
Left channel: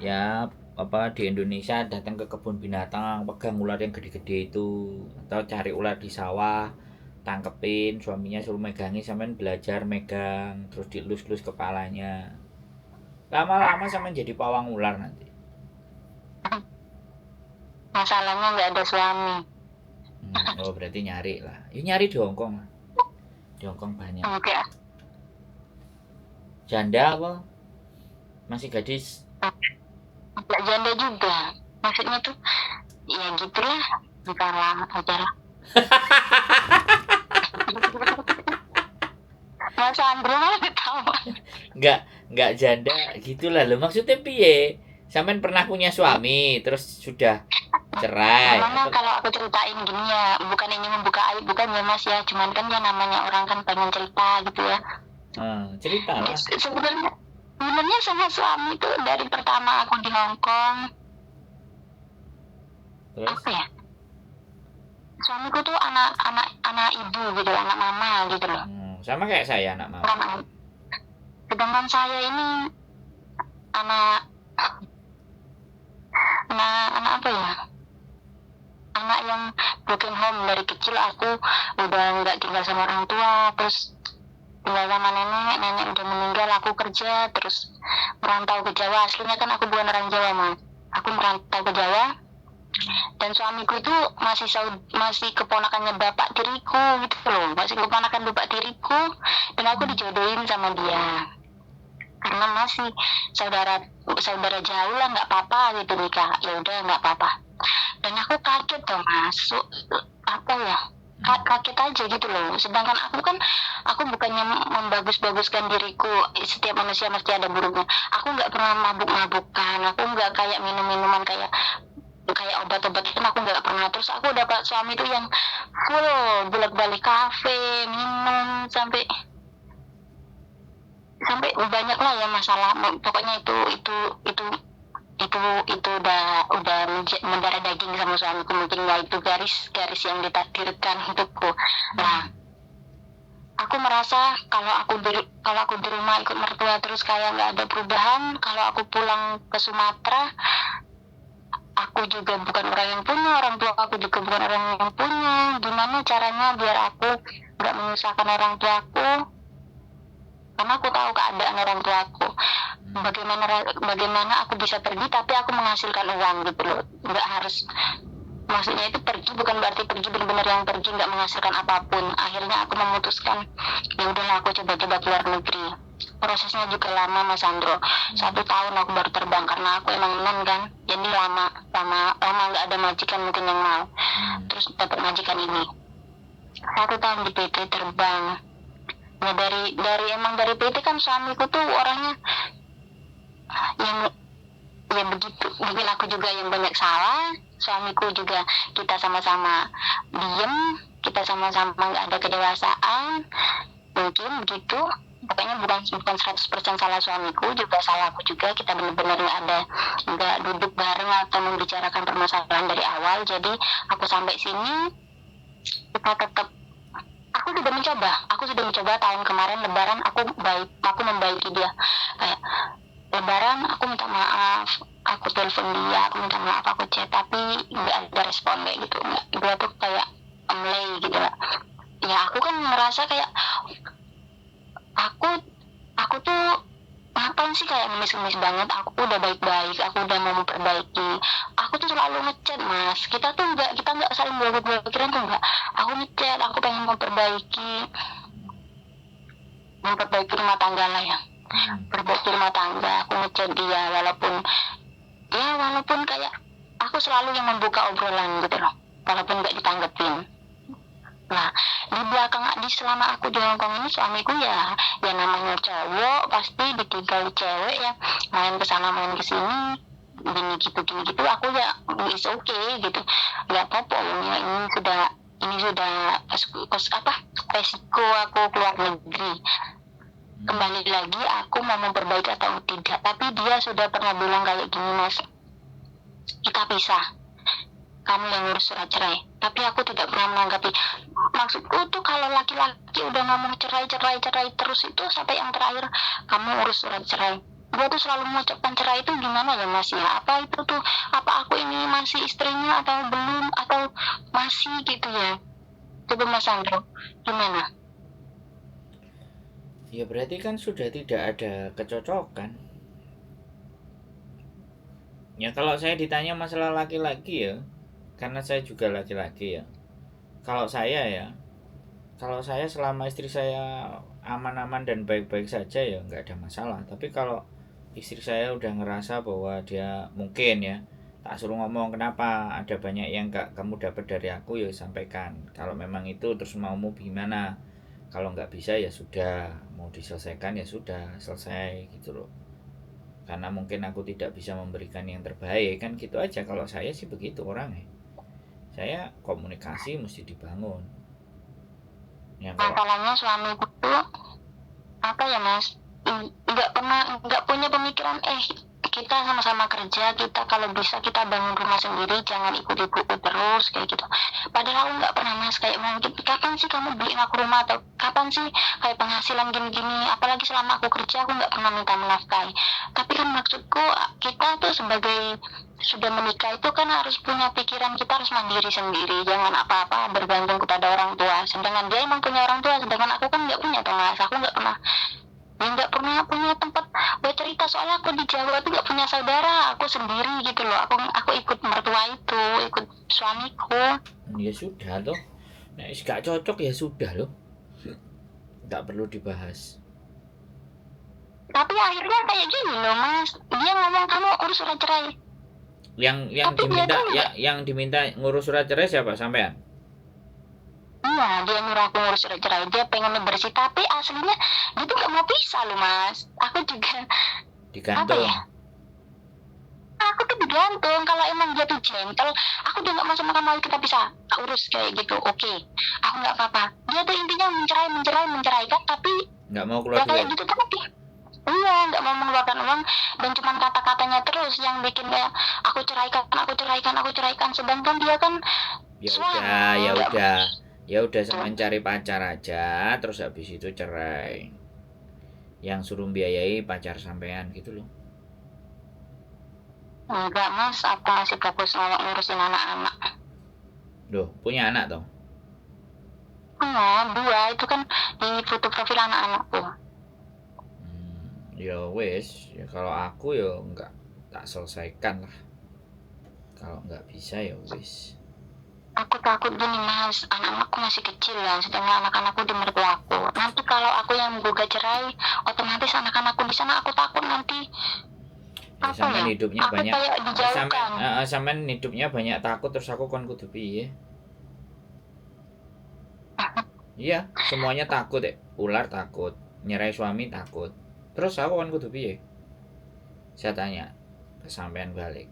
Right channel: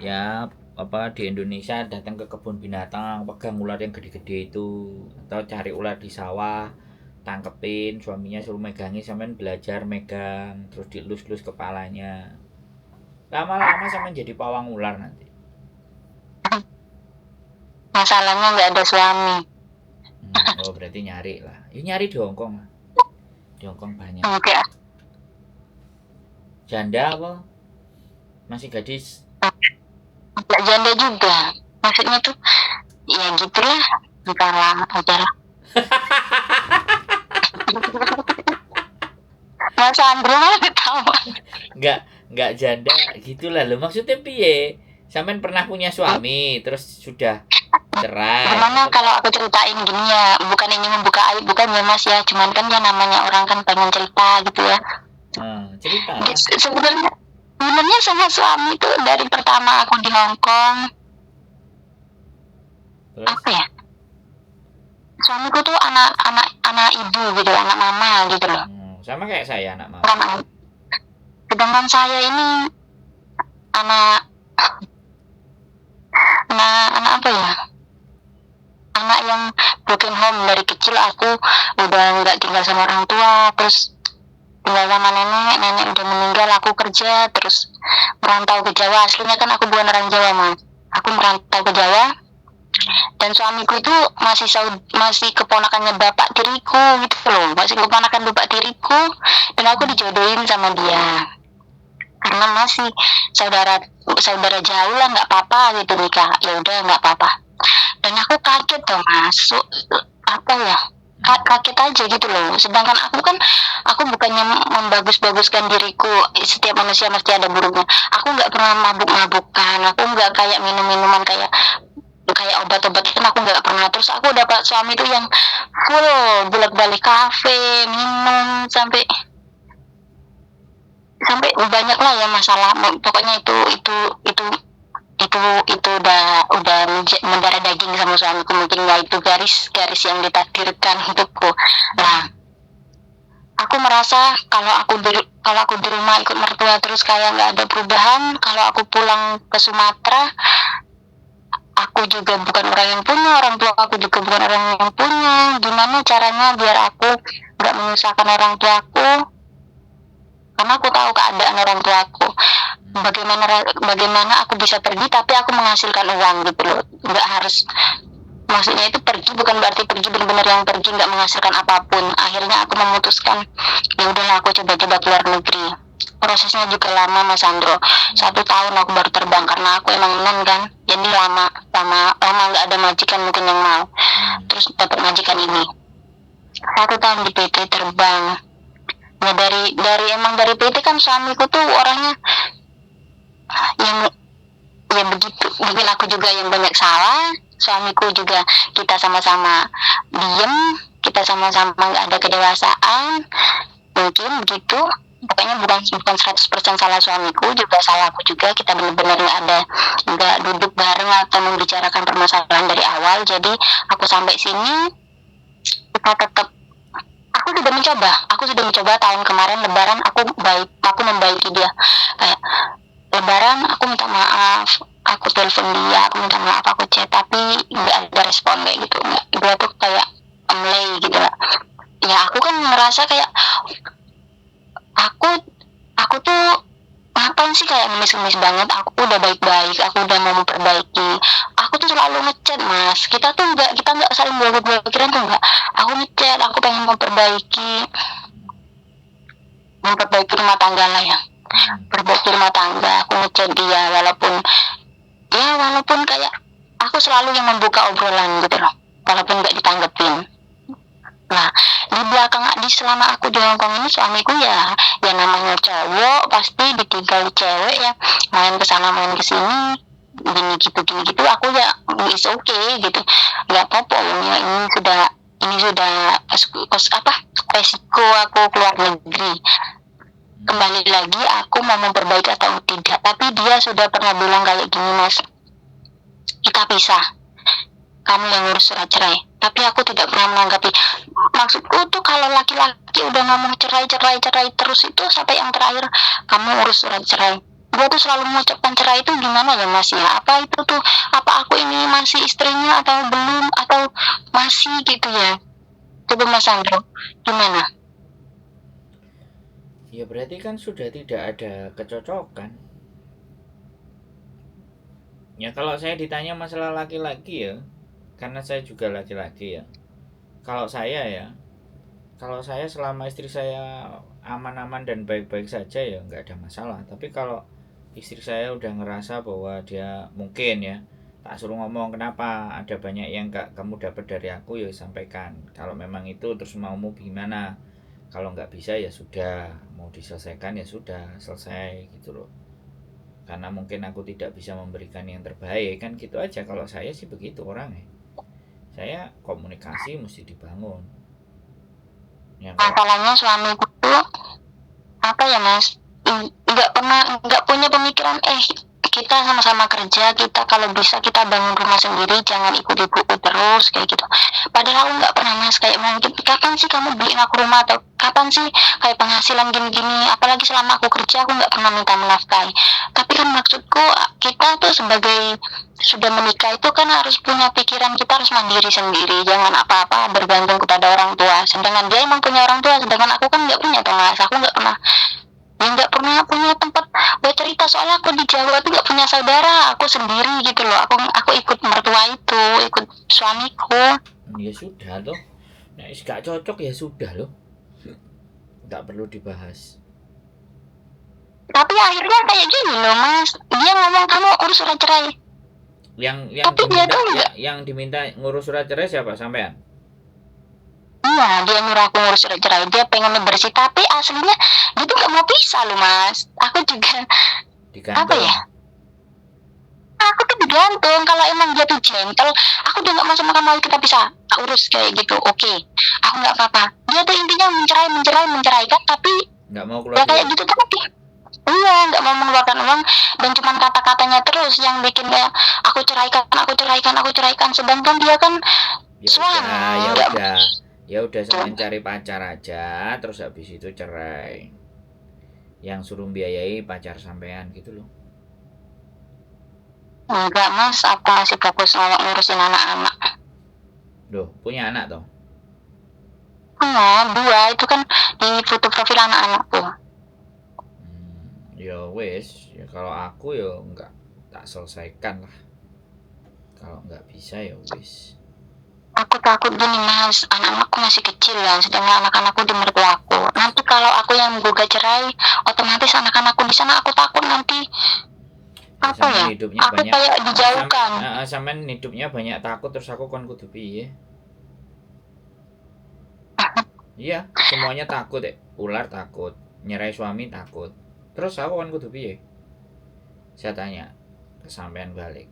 ya apa di Indonesia datang ke kebun binatang pegang ular yang gede-gede itu atau cari ular di sawah tangkepin suaminya suruh megangin sampean belajar megang terus dielus-elus kepalanya lama-lama sampean jadi pawang ular nanti. masalahnya nggak ada suami. Oh berarti nyari lah ya nyari di Hongkong lah. Di Hongkong banyak Enggak, janda apa masih gadis. enggak janda juga. Maksudnya tuh ya gitulah, bukan lama aja lah. Mas Andrew malah ketawa. Nggak janda gitulah lo maksudnya piye sampean pernah punya suami terus sudah cerai Memangnya atau- kalau aku ceritain gini ya, bukan ini membuka aib, bukan ya mas ya, cuman kan ya namanya orang kan pengen cerita gitu ya. cerita lah Sebenarnya sama suami tuh dari pertama aku di Hong Kong, terus apa ya? Suamiku tuh anak ibu gitu, anak mama gitu loh. sama kayak saya anak mama. Sedangkan saya ini anak apa ya? Anak yang broken home dari kecil, aku udah nggak tinggal sama orang tua, terus tinggal sama nenek udah meninggal, aku kerja terus merantau ke Jawa. Aslinya kan aku bukan orang Jawa mas, aku merantau ke Jawa, dan suamiku itu masih keponakannya bapak tiriku gitu loh, masih keponakan bapak tiriku, dan aku dijodohin sama dia karena masih saudara jauh lah, nggak apa-apa gitu nikah, ya udah nggak apa-apa. Dan aku kaget tuh masuk apa ya, kaget aja gitu loh. Sedangkan aku bukannya membagus-baguskan diriku, setiap manusia mesti ada buruknya. Aku nggak pernah mabuk-mabukan, aku nggak kayak minum-minuman kayak obat-obatan, aku nggak pernah. Terus aku dapat suami tuh yang full bolak-balik kafe, minum sampai banyak lah ya masalah. Pokoknya itu udah mendarah daging sama suamiku, mungkin ya itu garis yang ditakdirkan untukku. Nah, aku merasa kalau aku di rumah ikut mertua terus kayak nggak ada perubahan. Kalau aku pulang ke Sumatera, aku juga bukan orang yang punya, orang tua aku juga bukan orang yang punya. Gimana caranya biar aku nggak menyusahkan orang tuaku? Karena aku tahu keadaan orang tuaku. Bagaimana aku bisa pergi tapi aku menghasilkan uang gitu loh. Nggak harus, maksudnya itu pergi bukan berarti pergi benar-benar yang pergi nggak menghasilkan apapun. Akhirnya aku memutuskan ya udahlah aku coba-coba keluar negeri. Prosesnya juga lama mas Andro, 1 tahun aku baru terbang karena aku emang non kan, jadi lama nggak ada majikan mungkin yang mau. Terus dapat majikan ini 1 tahun di PT terbang. Ya dari PT kan suamiku tuh orangnya yang ya begitu, mungkin aku juga yang banyak salah, suamiku juga kita sama-sama diem, kita sama-sama nggak ada kedewasaan, mungkin begitu. Pokoknya bukan 100% salah suamiku, juga salah aku juga. Kita benar-benar nggak duduk bareng atau membicarakan permasalahan dari awal. Jadi aku sampai sini kita tetap, aku sudah mencoba tahun kemarin Lebaran aku membaiki dia. Kayak Lebaran aku minta maaf, aku telepon dia, aku minta maaf, aku chat, tapi nggak ada respon kayak gitu. Dia tuh kayak amlay gitu lah. Ya aku kan merasa kayak aku tuh ngapain sih kayak ngemis-ngemis banget. Aku udah baik-baik, aku udah mau memperbaiki. Aku tuh selalu ngechat mas, kita nggak saling blokir-blokiran tuh nggak. Aku ngechat, aku pengen memperbaiki rumah tangga lah ya, perbaiki rumah tangga. Aku ngechat dia walaupun kayak aku selalu yang membuka obrolan gitu loh, walaupun nggak ditanggepin. Nah di belakang di selama aku di Hongkong ini suamiku ya namanya cowok pasti ditinggal cewek ya main kesana main kesini gini gitu aku ya is okay gitu nggak apa-apa ini sudah resiko aku keluar negeri. Kembali lagi aku mau memperbaiki atau tidak, tapi dia sudah pernah bilang kayak gini, Mas, kita pisah, kamu yang ngurus surat cerai. Tapi aku tidak pernah menanggapi. Maksudku tuh kalau laki-laki udah ngomong cerai terus itu sampai yang terakhir kamu urus surat cerai, gue tuh selalu mengucapkan cerai itu gimana ya, Mas ya, apa itu tuh, apa aku ini masih istrinya atau belum, atau masih gitu ya. Coba Mas Sandro, gimana? Ya berarti kan sudah tidak ada kecocokan. Ya kalau saya ditanya masalah laki-laki ya, karena saya juga laki-laki ya. Kalau saya selama istri saya aman-aman dan baik-baik saja ya nggak ada masalah. Tapi kalau istri saya udah ngerasa bahwa dia mungkin ya, tak suruh ngomong kenapa ada banyak yang nggak kamu dapat dari aku ya sampaikan. Kalau memang itu terus maumu gimana, kalau nggak bisa ya sudah, mau diselesaikan ya sudah selesai gitu loh. Karena mungkin aku tidak bisa memberikan yang terbaik kan gitu aja. Kalau saya sih begitu orangnya, saya komunikasi mesti dibangun ya. Masalahnya suamiku tuh apa ya, Mas, nggak punya pemikiran kita sama-sama kerja, kita kalau bisa kita bangun rumah sendiri, jangan ikut ibuku terus kayak gitu. Padahal nggak pernah, Mas, kayak mungkin kapan sih kamu beliin aku rumah, atau kapan sih kayak penghasilan gini-gini, apalagi selama aku kerja aku nggak pernah minta menafkahi. Tapi kan maksudku kita tuh sebagai sudah menikah itu kan harus punya pikiran, kita harus mandiri sendiri, jangan apa-apa bergantung kepada orang tua. Sedangkan dia emang punya orang tua, sedangkan aku kan nggak punya, Mas. Aku nggak pernah punya tempat buat cerita, soalnya aku di Jawa tuh nggak punya saudara, aku sendiri gitu loh. Aku ikut mertua itu, ikut suamiku. Ya sudah loh, nah gak cocok ya sudah loh, nggak perlu dibahas. Tapi akhirnya kayak gini loh, Mas, dia ngomong kamu urus surat cerai. Yang diminta ngurus surat cerai siapa, sampean? Iya, dia nyuruh aku ngurus surat cerai, dia pengen bersih, tapi aslinya dia tuh gak mau pisah loh, Mas. Aku juga Digantung. apa ya, aku tuh digantung. Kalau emang dia tuh gentle, aku udah gak mau sama kamu, kita bisa urus kayak gitu, oke, aku gak apa-apa. Dia tuh intinya menceraikan, tapi nggak mau keluar kayak gitu tadi. Iya, nggak mau mengeluarkan uang, dan cuma kata-katanya terus yang bikin kayak aku ceraikan, sedangkan dia kan ya udah sama cari pacar aja, terus habis itu cerai, yang suruh biayai pacar sampean gitu loh. Enggak, Mas, aku masih fokus ngurusin anak-anak. Loh, punya anak toh? Dua, itu kan di foto profil anak-anakku. Ya wes, ya kalau aku ya nggak tak selesaikan lah. Kalau nggak bisa ya wes. Aku takut gini, Mas, anak-anakku masih kecil ya, sedangkan anak-anakku di mertuaku. Nanti kalau aku yang menggugat cerai, otomatis anak-anakku di sana, aku takut nanti Ya, sampean hidupnya aku banyak, kayak dijauhkan. sampean hidupnya banyak takut, terus aku kon kudu piye? Iya, semuanya takut ya. Ular takut, nyerai suami takut. Terus aku kon kudu piye? Saya tanya ke sampean balik.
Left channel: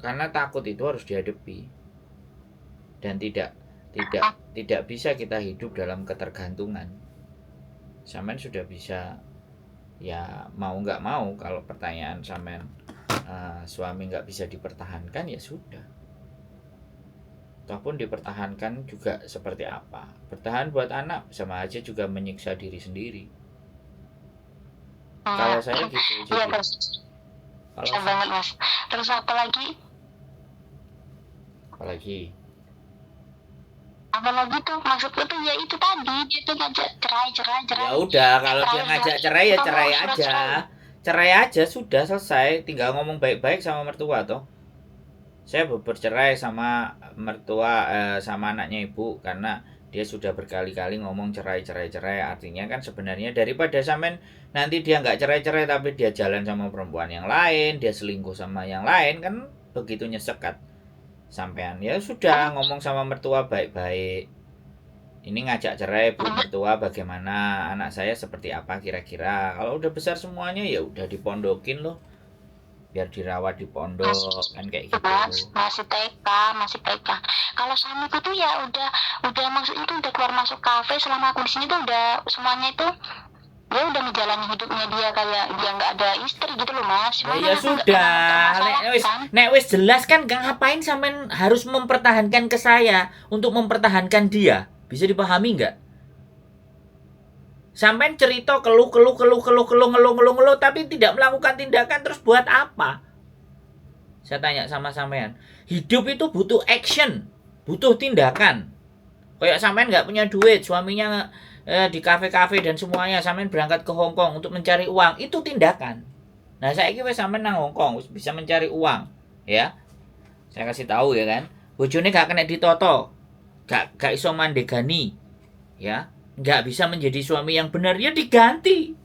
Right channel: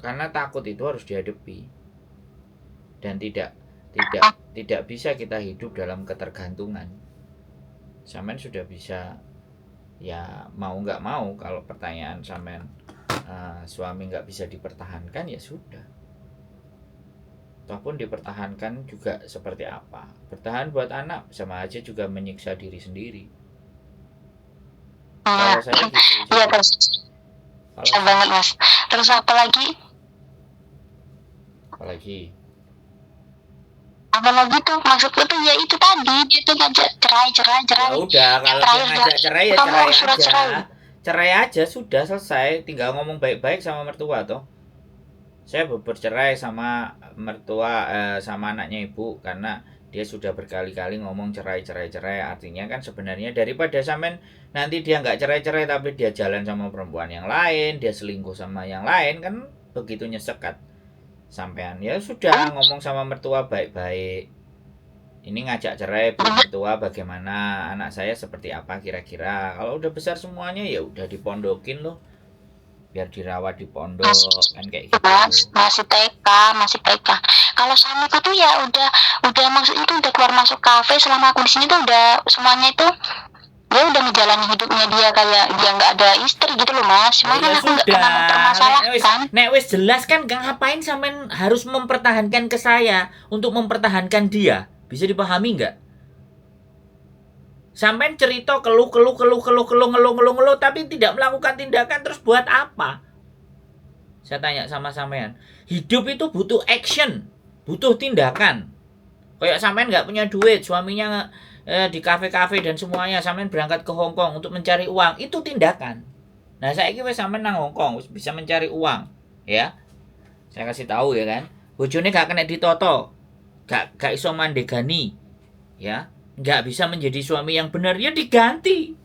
Karena takut itu harus dihadapi. Dan tidak bisa kita hidup dalam ketergantungan. Sampean sudah bisa, ya mau nggak mau, kalau pertanyaan sampean suami nggak bisa dipertahankan ya sudah. Ataupun dipertahankan juga seperti apa? Bertahan buat anak sama aja juga menyiksa diri sendiri. Kalau saya gitu. Iya, terus. Bisa banget, Mas. Terus apa lagi tuh maksudku tuh ya itu tadi, dia tuh ngajak cerai. Ya udah, kalau dia ngajak cerai ya cerai aja sudah selesai, tinggal ngomong baik-baik sama mertua toh. Saya bercerai sama mertua sama anaknya ibu karena dia sudah berkali-kali ngomong cerai, artinya kan sebenarnya daripada sampean nanti dia nggak cerai tapi dia jalan sama perempuan yang lain, dia selingkuh sama yang lain, kan begitu nyesekat sampean. Ya sudah, ngomong sama mertua baik-baik, Ini ngajak cerai Bu Mertua, bagaimana, anak saya seperti apa kira-kira. Kalau udah besar semuanya ya udah dipondokin loh, biar dirawat di pondok kan kayak gitu. masih TK, masih TK. Kalau suamiku tuh ya udah maksudnya tuh udah keluar masuk kafe. Selama aku di sini tuh udah semuanya itu dia udah menjalani hidupnya dia kayak dia nggak ada istri gitu loh Mas. Nah, Cuman ya kan aku nggak sudah, pernah mempermasalahkan. nek wis jelas kan ngapain sampean harus mempertahankan ke saya untuk mempertahankan dia? Bisa dipahami nggak? Sampean cerita keluh tapi tidak melakukan tindakan, terus buat apa? Saya tanya sama sampean. Hidup itu butuh action, butuh tindakan. Kayak sampean nggak punya duit, suaminya di kafe-kafe dan semuanya, sampean berangkat ke Hong Kong untuk mencari uang, itu tindakan. Nah, saya kira sampean nang Hong Kong bisa mencari uang, ya. Saya kasih tahu ya kan. Bojone gak kena ditoto. Gak iso mandegani. Ya, nggak bisa menjadi suami yang benar, ya diganti.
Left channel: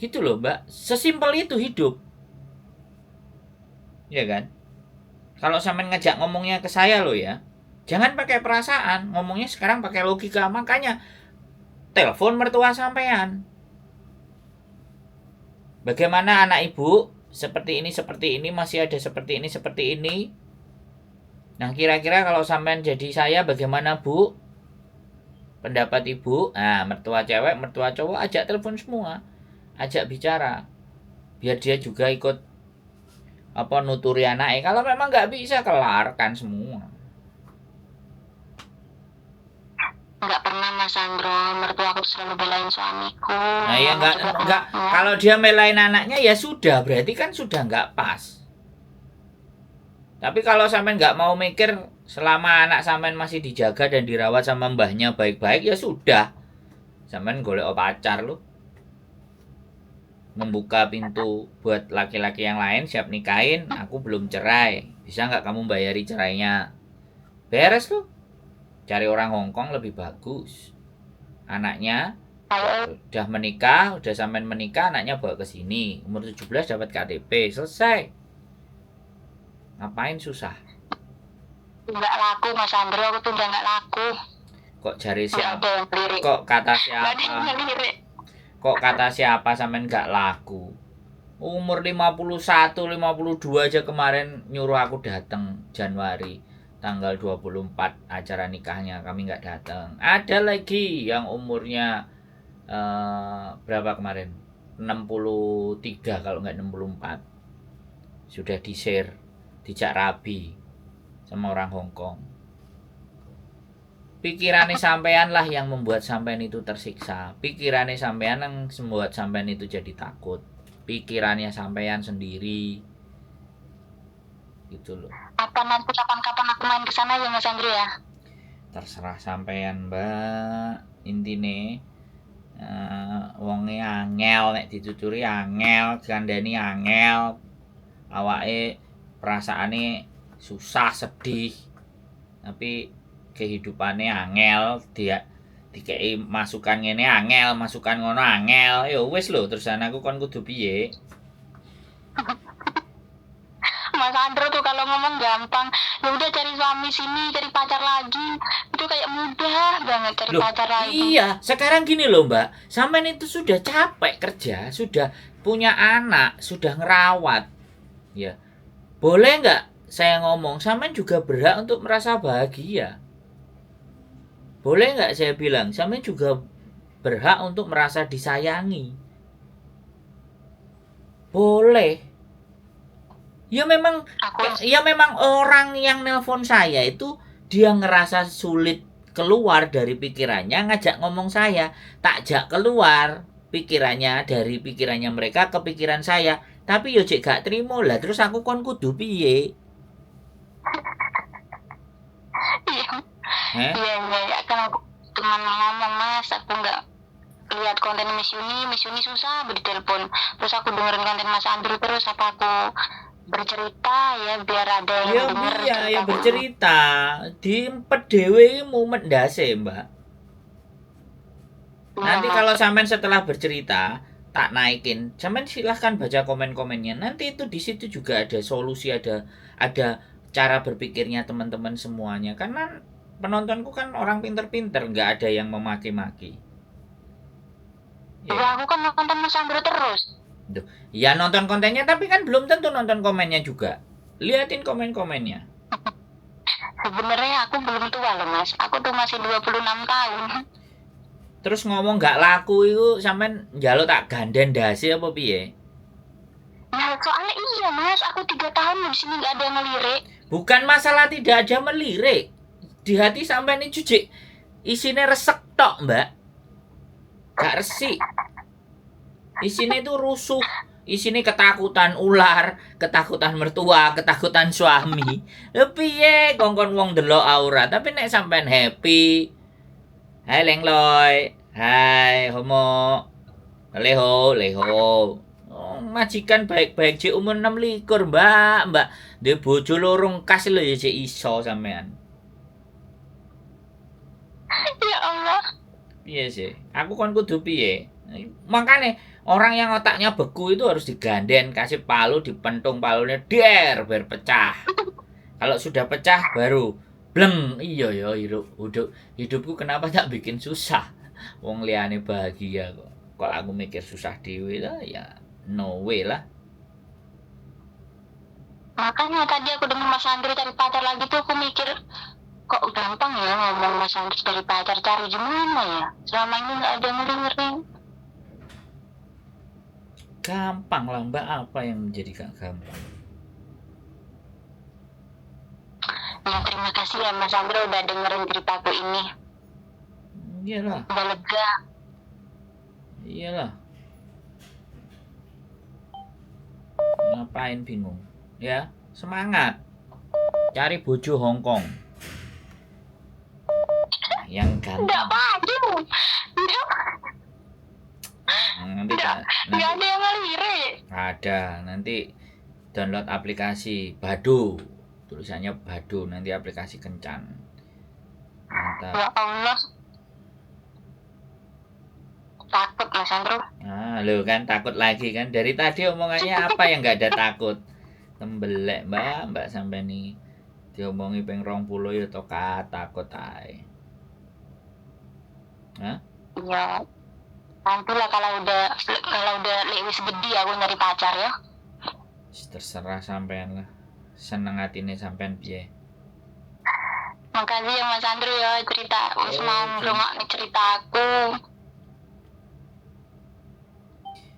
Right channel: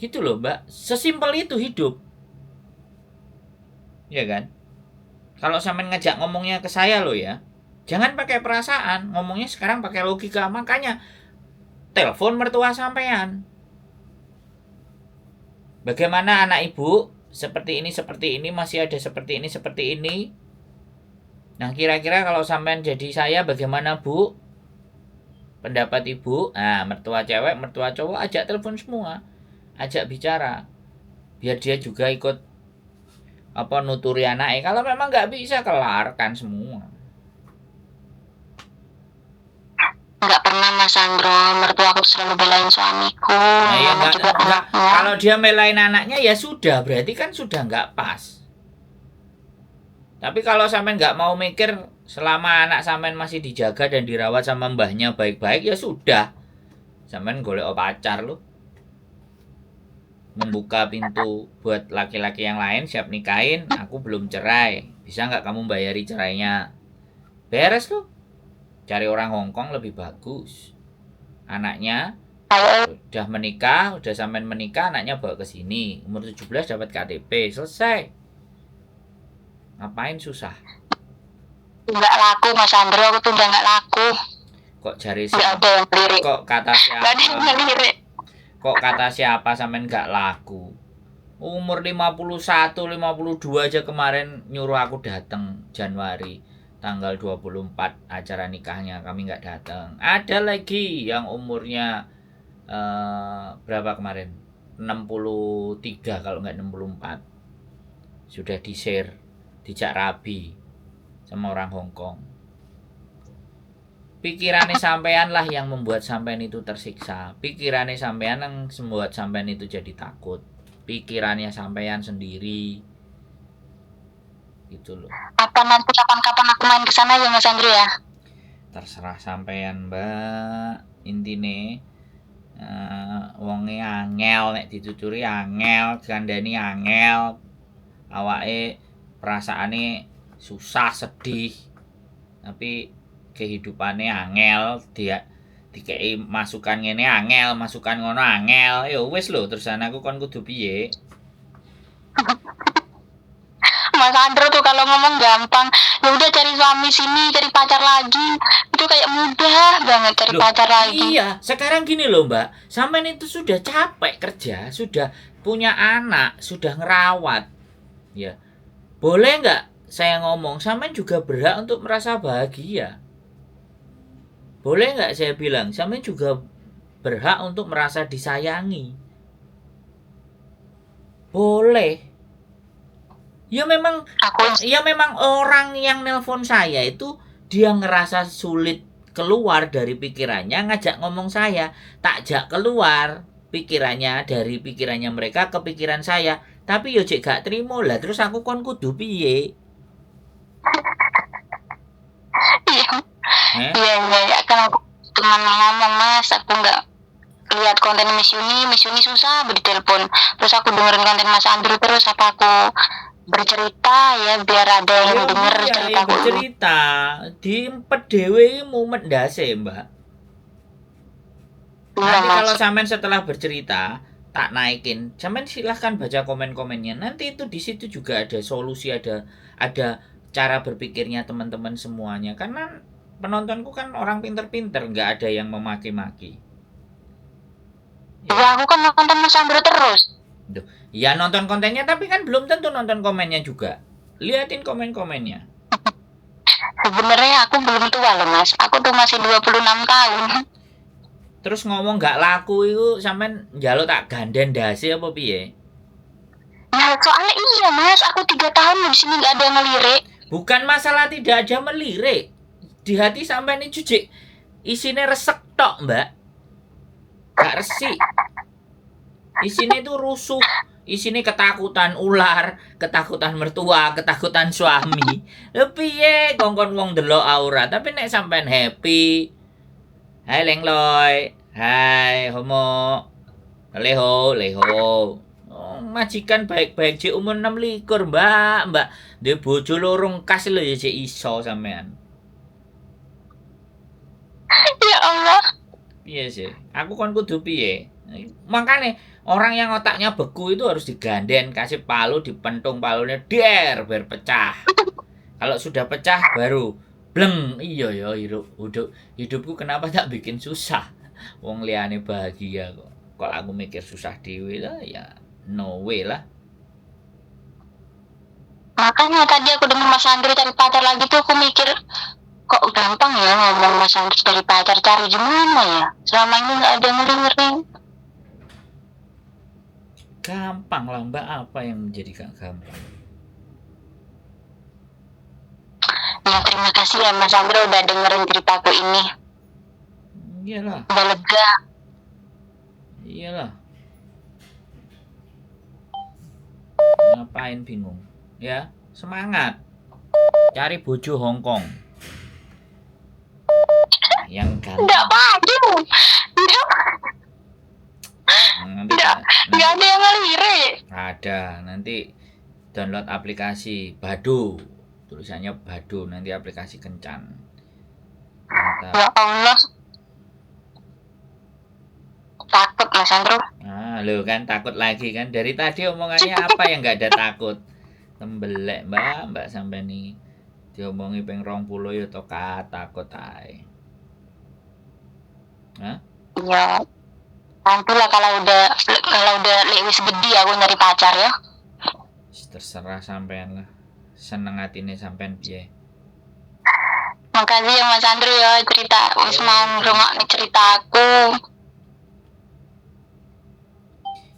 Gitu loh, Mbak. Sesimpel itu hidup. Ya kan? Kalau sampean ngajak ngomongnya ke saya loh ya. Jangan pakai perasaan, ngomongnya sekarang pakai logika. Makanya telepon mertua sampean. Bagaimana anak ibu? Seperti ini, masih ada seperti ini. Nah, kira-kira kalau sampean jadi saya bagaimana, Bu? Pendapat ibu? Nah, mertua cewek, mertua cowok, ajak telepon semua. Ajak bicara. Biar dia juga ikut nuturi anaknya. Kalau memang nggak bisa, kelarkan semua. Nggak pernah Mas Sandro, mertua aku selalu belain suamiku. Nah, ya enggak. Kalau dia melain anaknya ya sudah, berarti kan sudah nggak pas. Tapi kalau sampean nggak mau mikir selama anak sampean masih dijaga dan dirawat sama mbahnya baik-baik, ya sudah. Sampean golek pacar loh. Membuka pintu buat laki-laki yang lain, siap nikahin, aku belum cerai. Bisa nggak kamu bayari cerainya? Beres loh. Cari orang Hong Kong lebih bagus. Anaknya udah menikah, udah sampean menikah, anaknya bawa ke sini. Umur 17 dapat KTP, selesai. Ngapain susah? Nggak laku Mas Sandro, aku tuh udah nggak laku. Kok jari Nggak siapa? ada yang lirik. Kok kata Nggak ada siapa? yang lirik. Kok kata siapa sampean nggak laku? Umur 51, 52 aja kemarin nyuruh aku datang Januari. Tanggal 24 acara nikahnya kami nggak datang. Ada lagi yang umurnya berapa kemarin? 63 kalau nggak 64. Sudah di-share, dijak rabi sama orang Hong Kong. Pikirannya sampean lah yang membuat sampean itu tersiksa. Pikirannya sampean yang membuat sampean itu jadi takut. Pikirannya sampean sendiri. Gitu loh. Apa nanti kapan-kapan aku main ke sana ya Mas Andri ya? Terserah sampean, Mbak. Intine wonge angel nek dituturi angel, gandani angel. Awake perasaane susah, sedih. Tapi kehidupannya angel, dia dikei masukan ngene angel, masukan ngono angel. Ya wis lho, terusan aku kon kudu piye? Mas Andro tuh kalau ngomong gampang, ya udah cari suami sini, cari pacar lagi, itu kayak mudah banget cari pacar lagi. Iya, sekarang gini loh Mbak, sampean itu sudah capek kerja, sudah punya anak, sudah ngerawat, ya. Boleh nggak saya ngomong, sampean juga berhak untuk merasa bahagia. Boleh nggak saya bilang, sampean juga berhak untuk merasa disayangi. Boleh. Ya memang orang yang nelpon saya itu dia ngerasa sulit keluar dari pikirannya, ngajak ngomong saya, takjak keluar pikirannya dari pikirannya mereka ke pikiran saya. Tapi yo cek gak terima lah, terus aku kon kudu piye? Iya, kan aku cuma ngomong Mas, aku nggak lihat konten Miss Yuni susah ditelepon, terus aku dengerin konten Mas Andrew terus, apa aku bercerita ya biar ada yang denger cerita ya bercerita diempet dhewe mumet ndase Mbak. Nanti kalau sampean setelah bercerita tak naikin, sampean silahkan baca komen-komennya. Nanti itu di situ juga ada solusi, ada cara berpikirnya teman-teman semuanya. Karena penontonku kan orang pinter-pinter, nggak ada yang memaki-maki. Ya, Ya, aku kan nonton Mas Andro terus. Duh. Ya nonton kontennya tapi kan belum tentu nonton komennya juga. Liatin komen-komennya. Sebenarnya aku belum tua loh Mas. Aku tuh masih 26 tahun. Terus ngomong nggak laku itu sampean njaluk tak ganden dasi apa piye? Nah, soalnya iya Mas, aku 3 tahun di sini nggak ada yang ngelirik. Bukan masalah tidak ada melirik. Di hati sampean ini jujik isine resek tok, Mbak. Gak resik. Isine itu rusuh. Isine ketakutan ular, ketakutan mertua, ketakutan suami. Lha piye kongkon wong delok aura, tapi nek sampean happy. Hai Lengloy, hai Homo. Leho, leho. Oh, majikan baik-baik cek umur 26, Mbak. Dia bojo lorong kas lho ya cek iso sampean. Ya Allah. Piye sih? Aku kon kudu piye? Makanya orang yang otaknya beku itu harus diganden, kasih palu, dipentung palunya der biar pecah. Kalau sudah pecah baru bleng. Iya ya hidupku kenapa tak bikin susah? Wong liyane bahagia kok. Kok aku mikir susah dewe lah ya no way lah. Makanya tadi aku dengar Mas Andri cari pacar lagi tuh aku mikir kok gampang ya ngomong Mas Andri cari pacar, cari gimana ya? Selama ini nggak ada ngeri-ngeri. Gampang lah Mbak, apa yang menjadi gak gampang? Ya terima kasih ya Mas Andri udah dengerin ceritaku ini. Iyalah, Udah lega. iyalah. Ngapain bingung? Ya, semangat. Cari bojo Hongkong. Yang Nggak ganteng. maju. Nanti Nggak ada yang ngelirik. ada. Nanti download aplikasi Badu. Tulisannya Badu, nanti aplikasi kencan. Mantap. Ya Allah. Takut Mas Andro. Ah, lo kan takut lagi kan? Dari tadi omongannya apa yang nggak ada takut? Tembelek mbak sampai nih diomongi peng 20 ya to takut ae. Hah? Ya nantilah kalau udah lewis gede aku nyari pacar ya. Terserah sampean lah. Seneng atine sampean piye. Makasih ya Mas Andro ya cerita Mas mau ngrungokne ceritaku.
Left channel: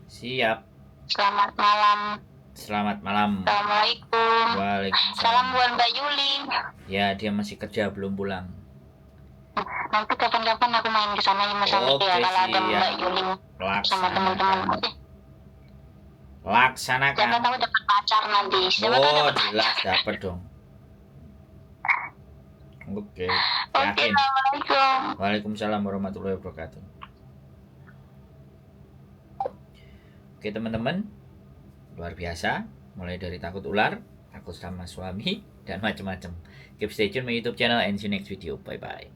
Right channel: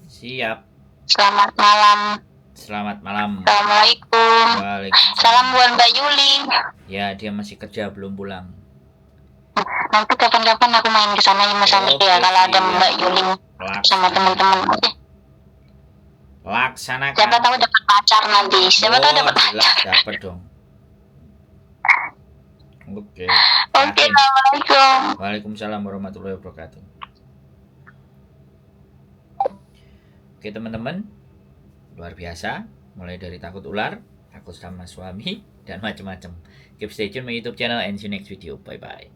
Siap. Selamat malam. Selamat malam. Assalamualaikum. Waalaikumsalam. Salam buat Mbak Yuli. Ya, dia masih kerja belum pulang. Nanti kapan-kapan aku main ke sana ya Mas Andro ya kalau ada Mbak Yuli sama teman-teman. Oke. Laksanakan. Siapa tahu dapat pacar nanti. Siapa tahu dapat pacar. Jelas dapat dong. Oke. Oke, Yakin. Assalamualaikum. Waalaikumsalam warahmatullahi wabarakatuh. Oke teman-teman, luar biasa. Mulai dari takut ular, takut sama suami, dan macam-macam. Keep stay tune my YouTube channel and see you next video. Bye bye.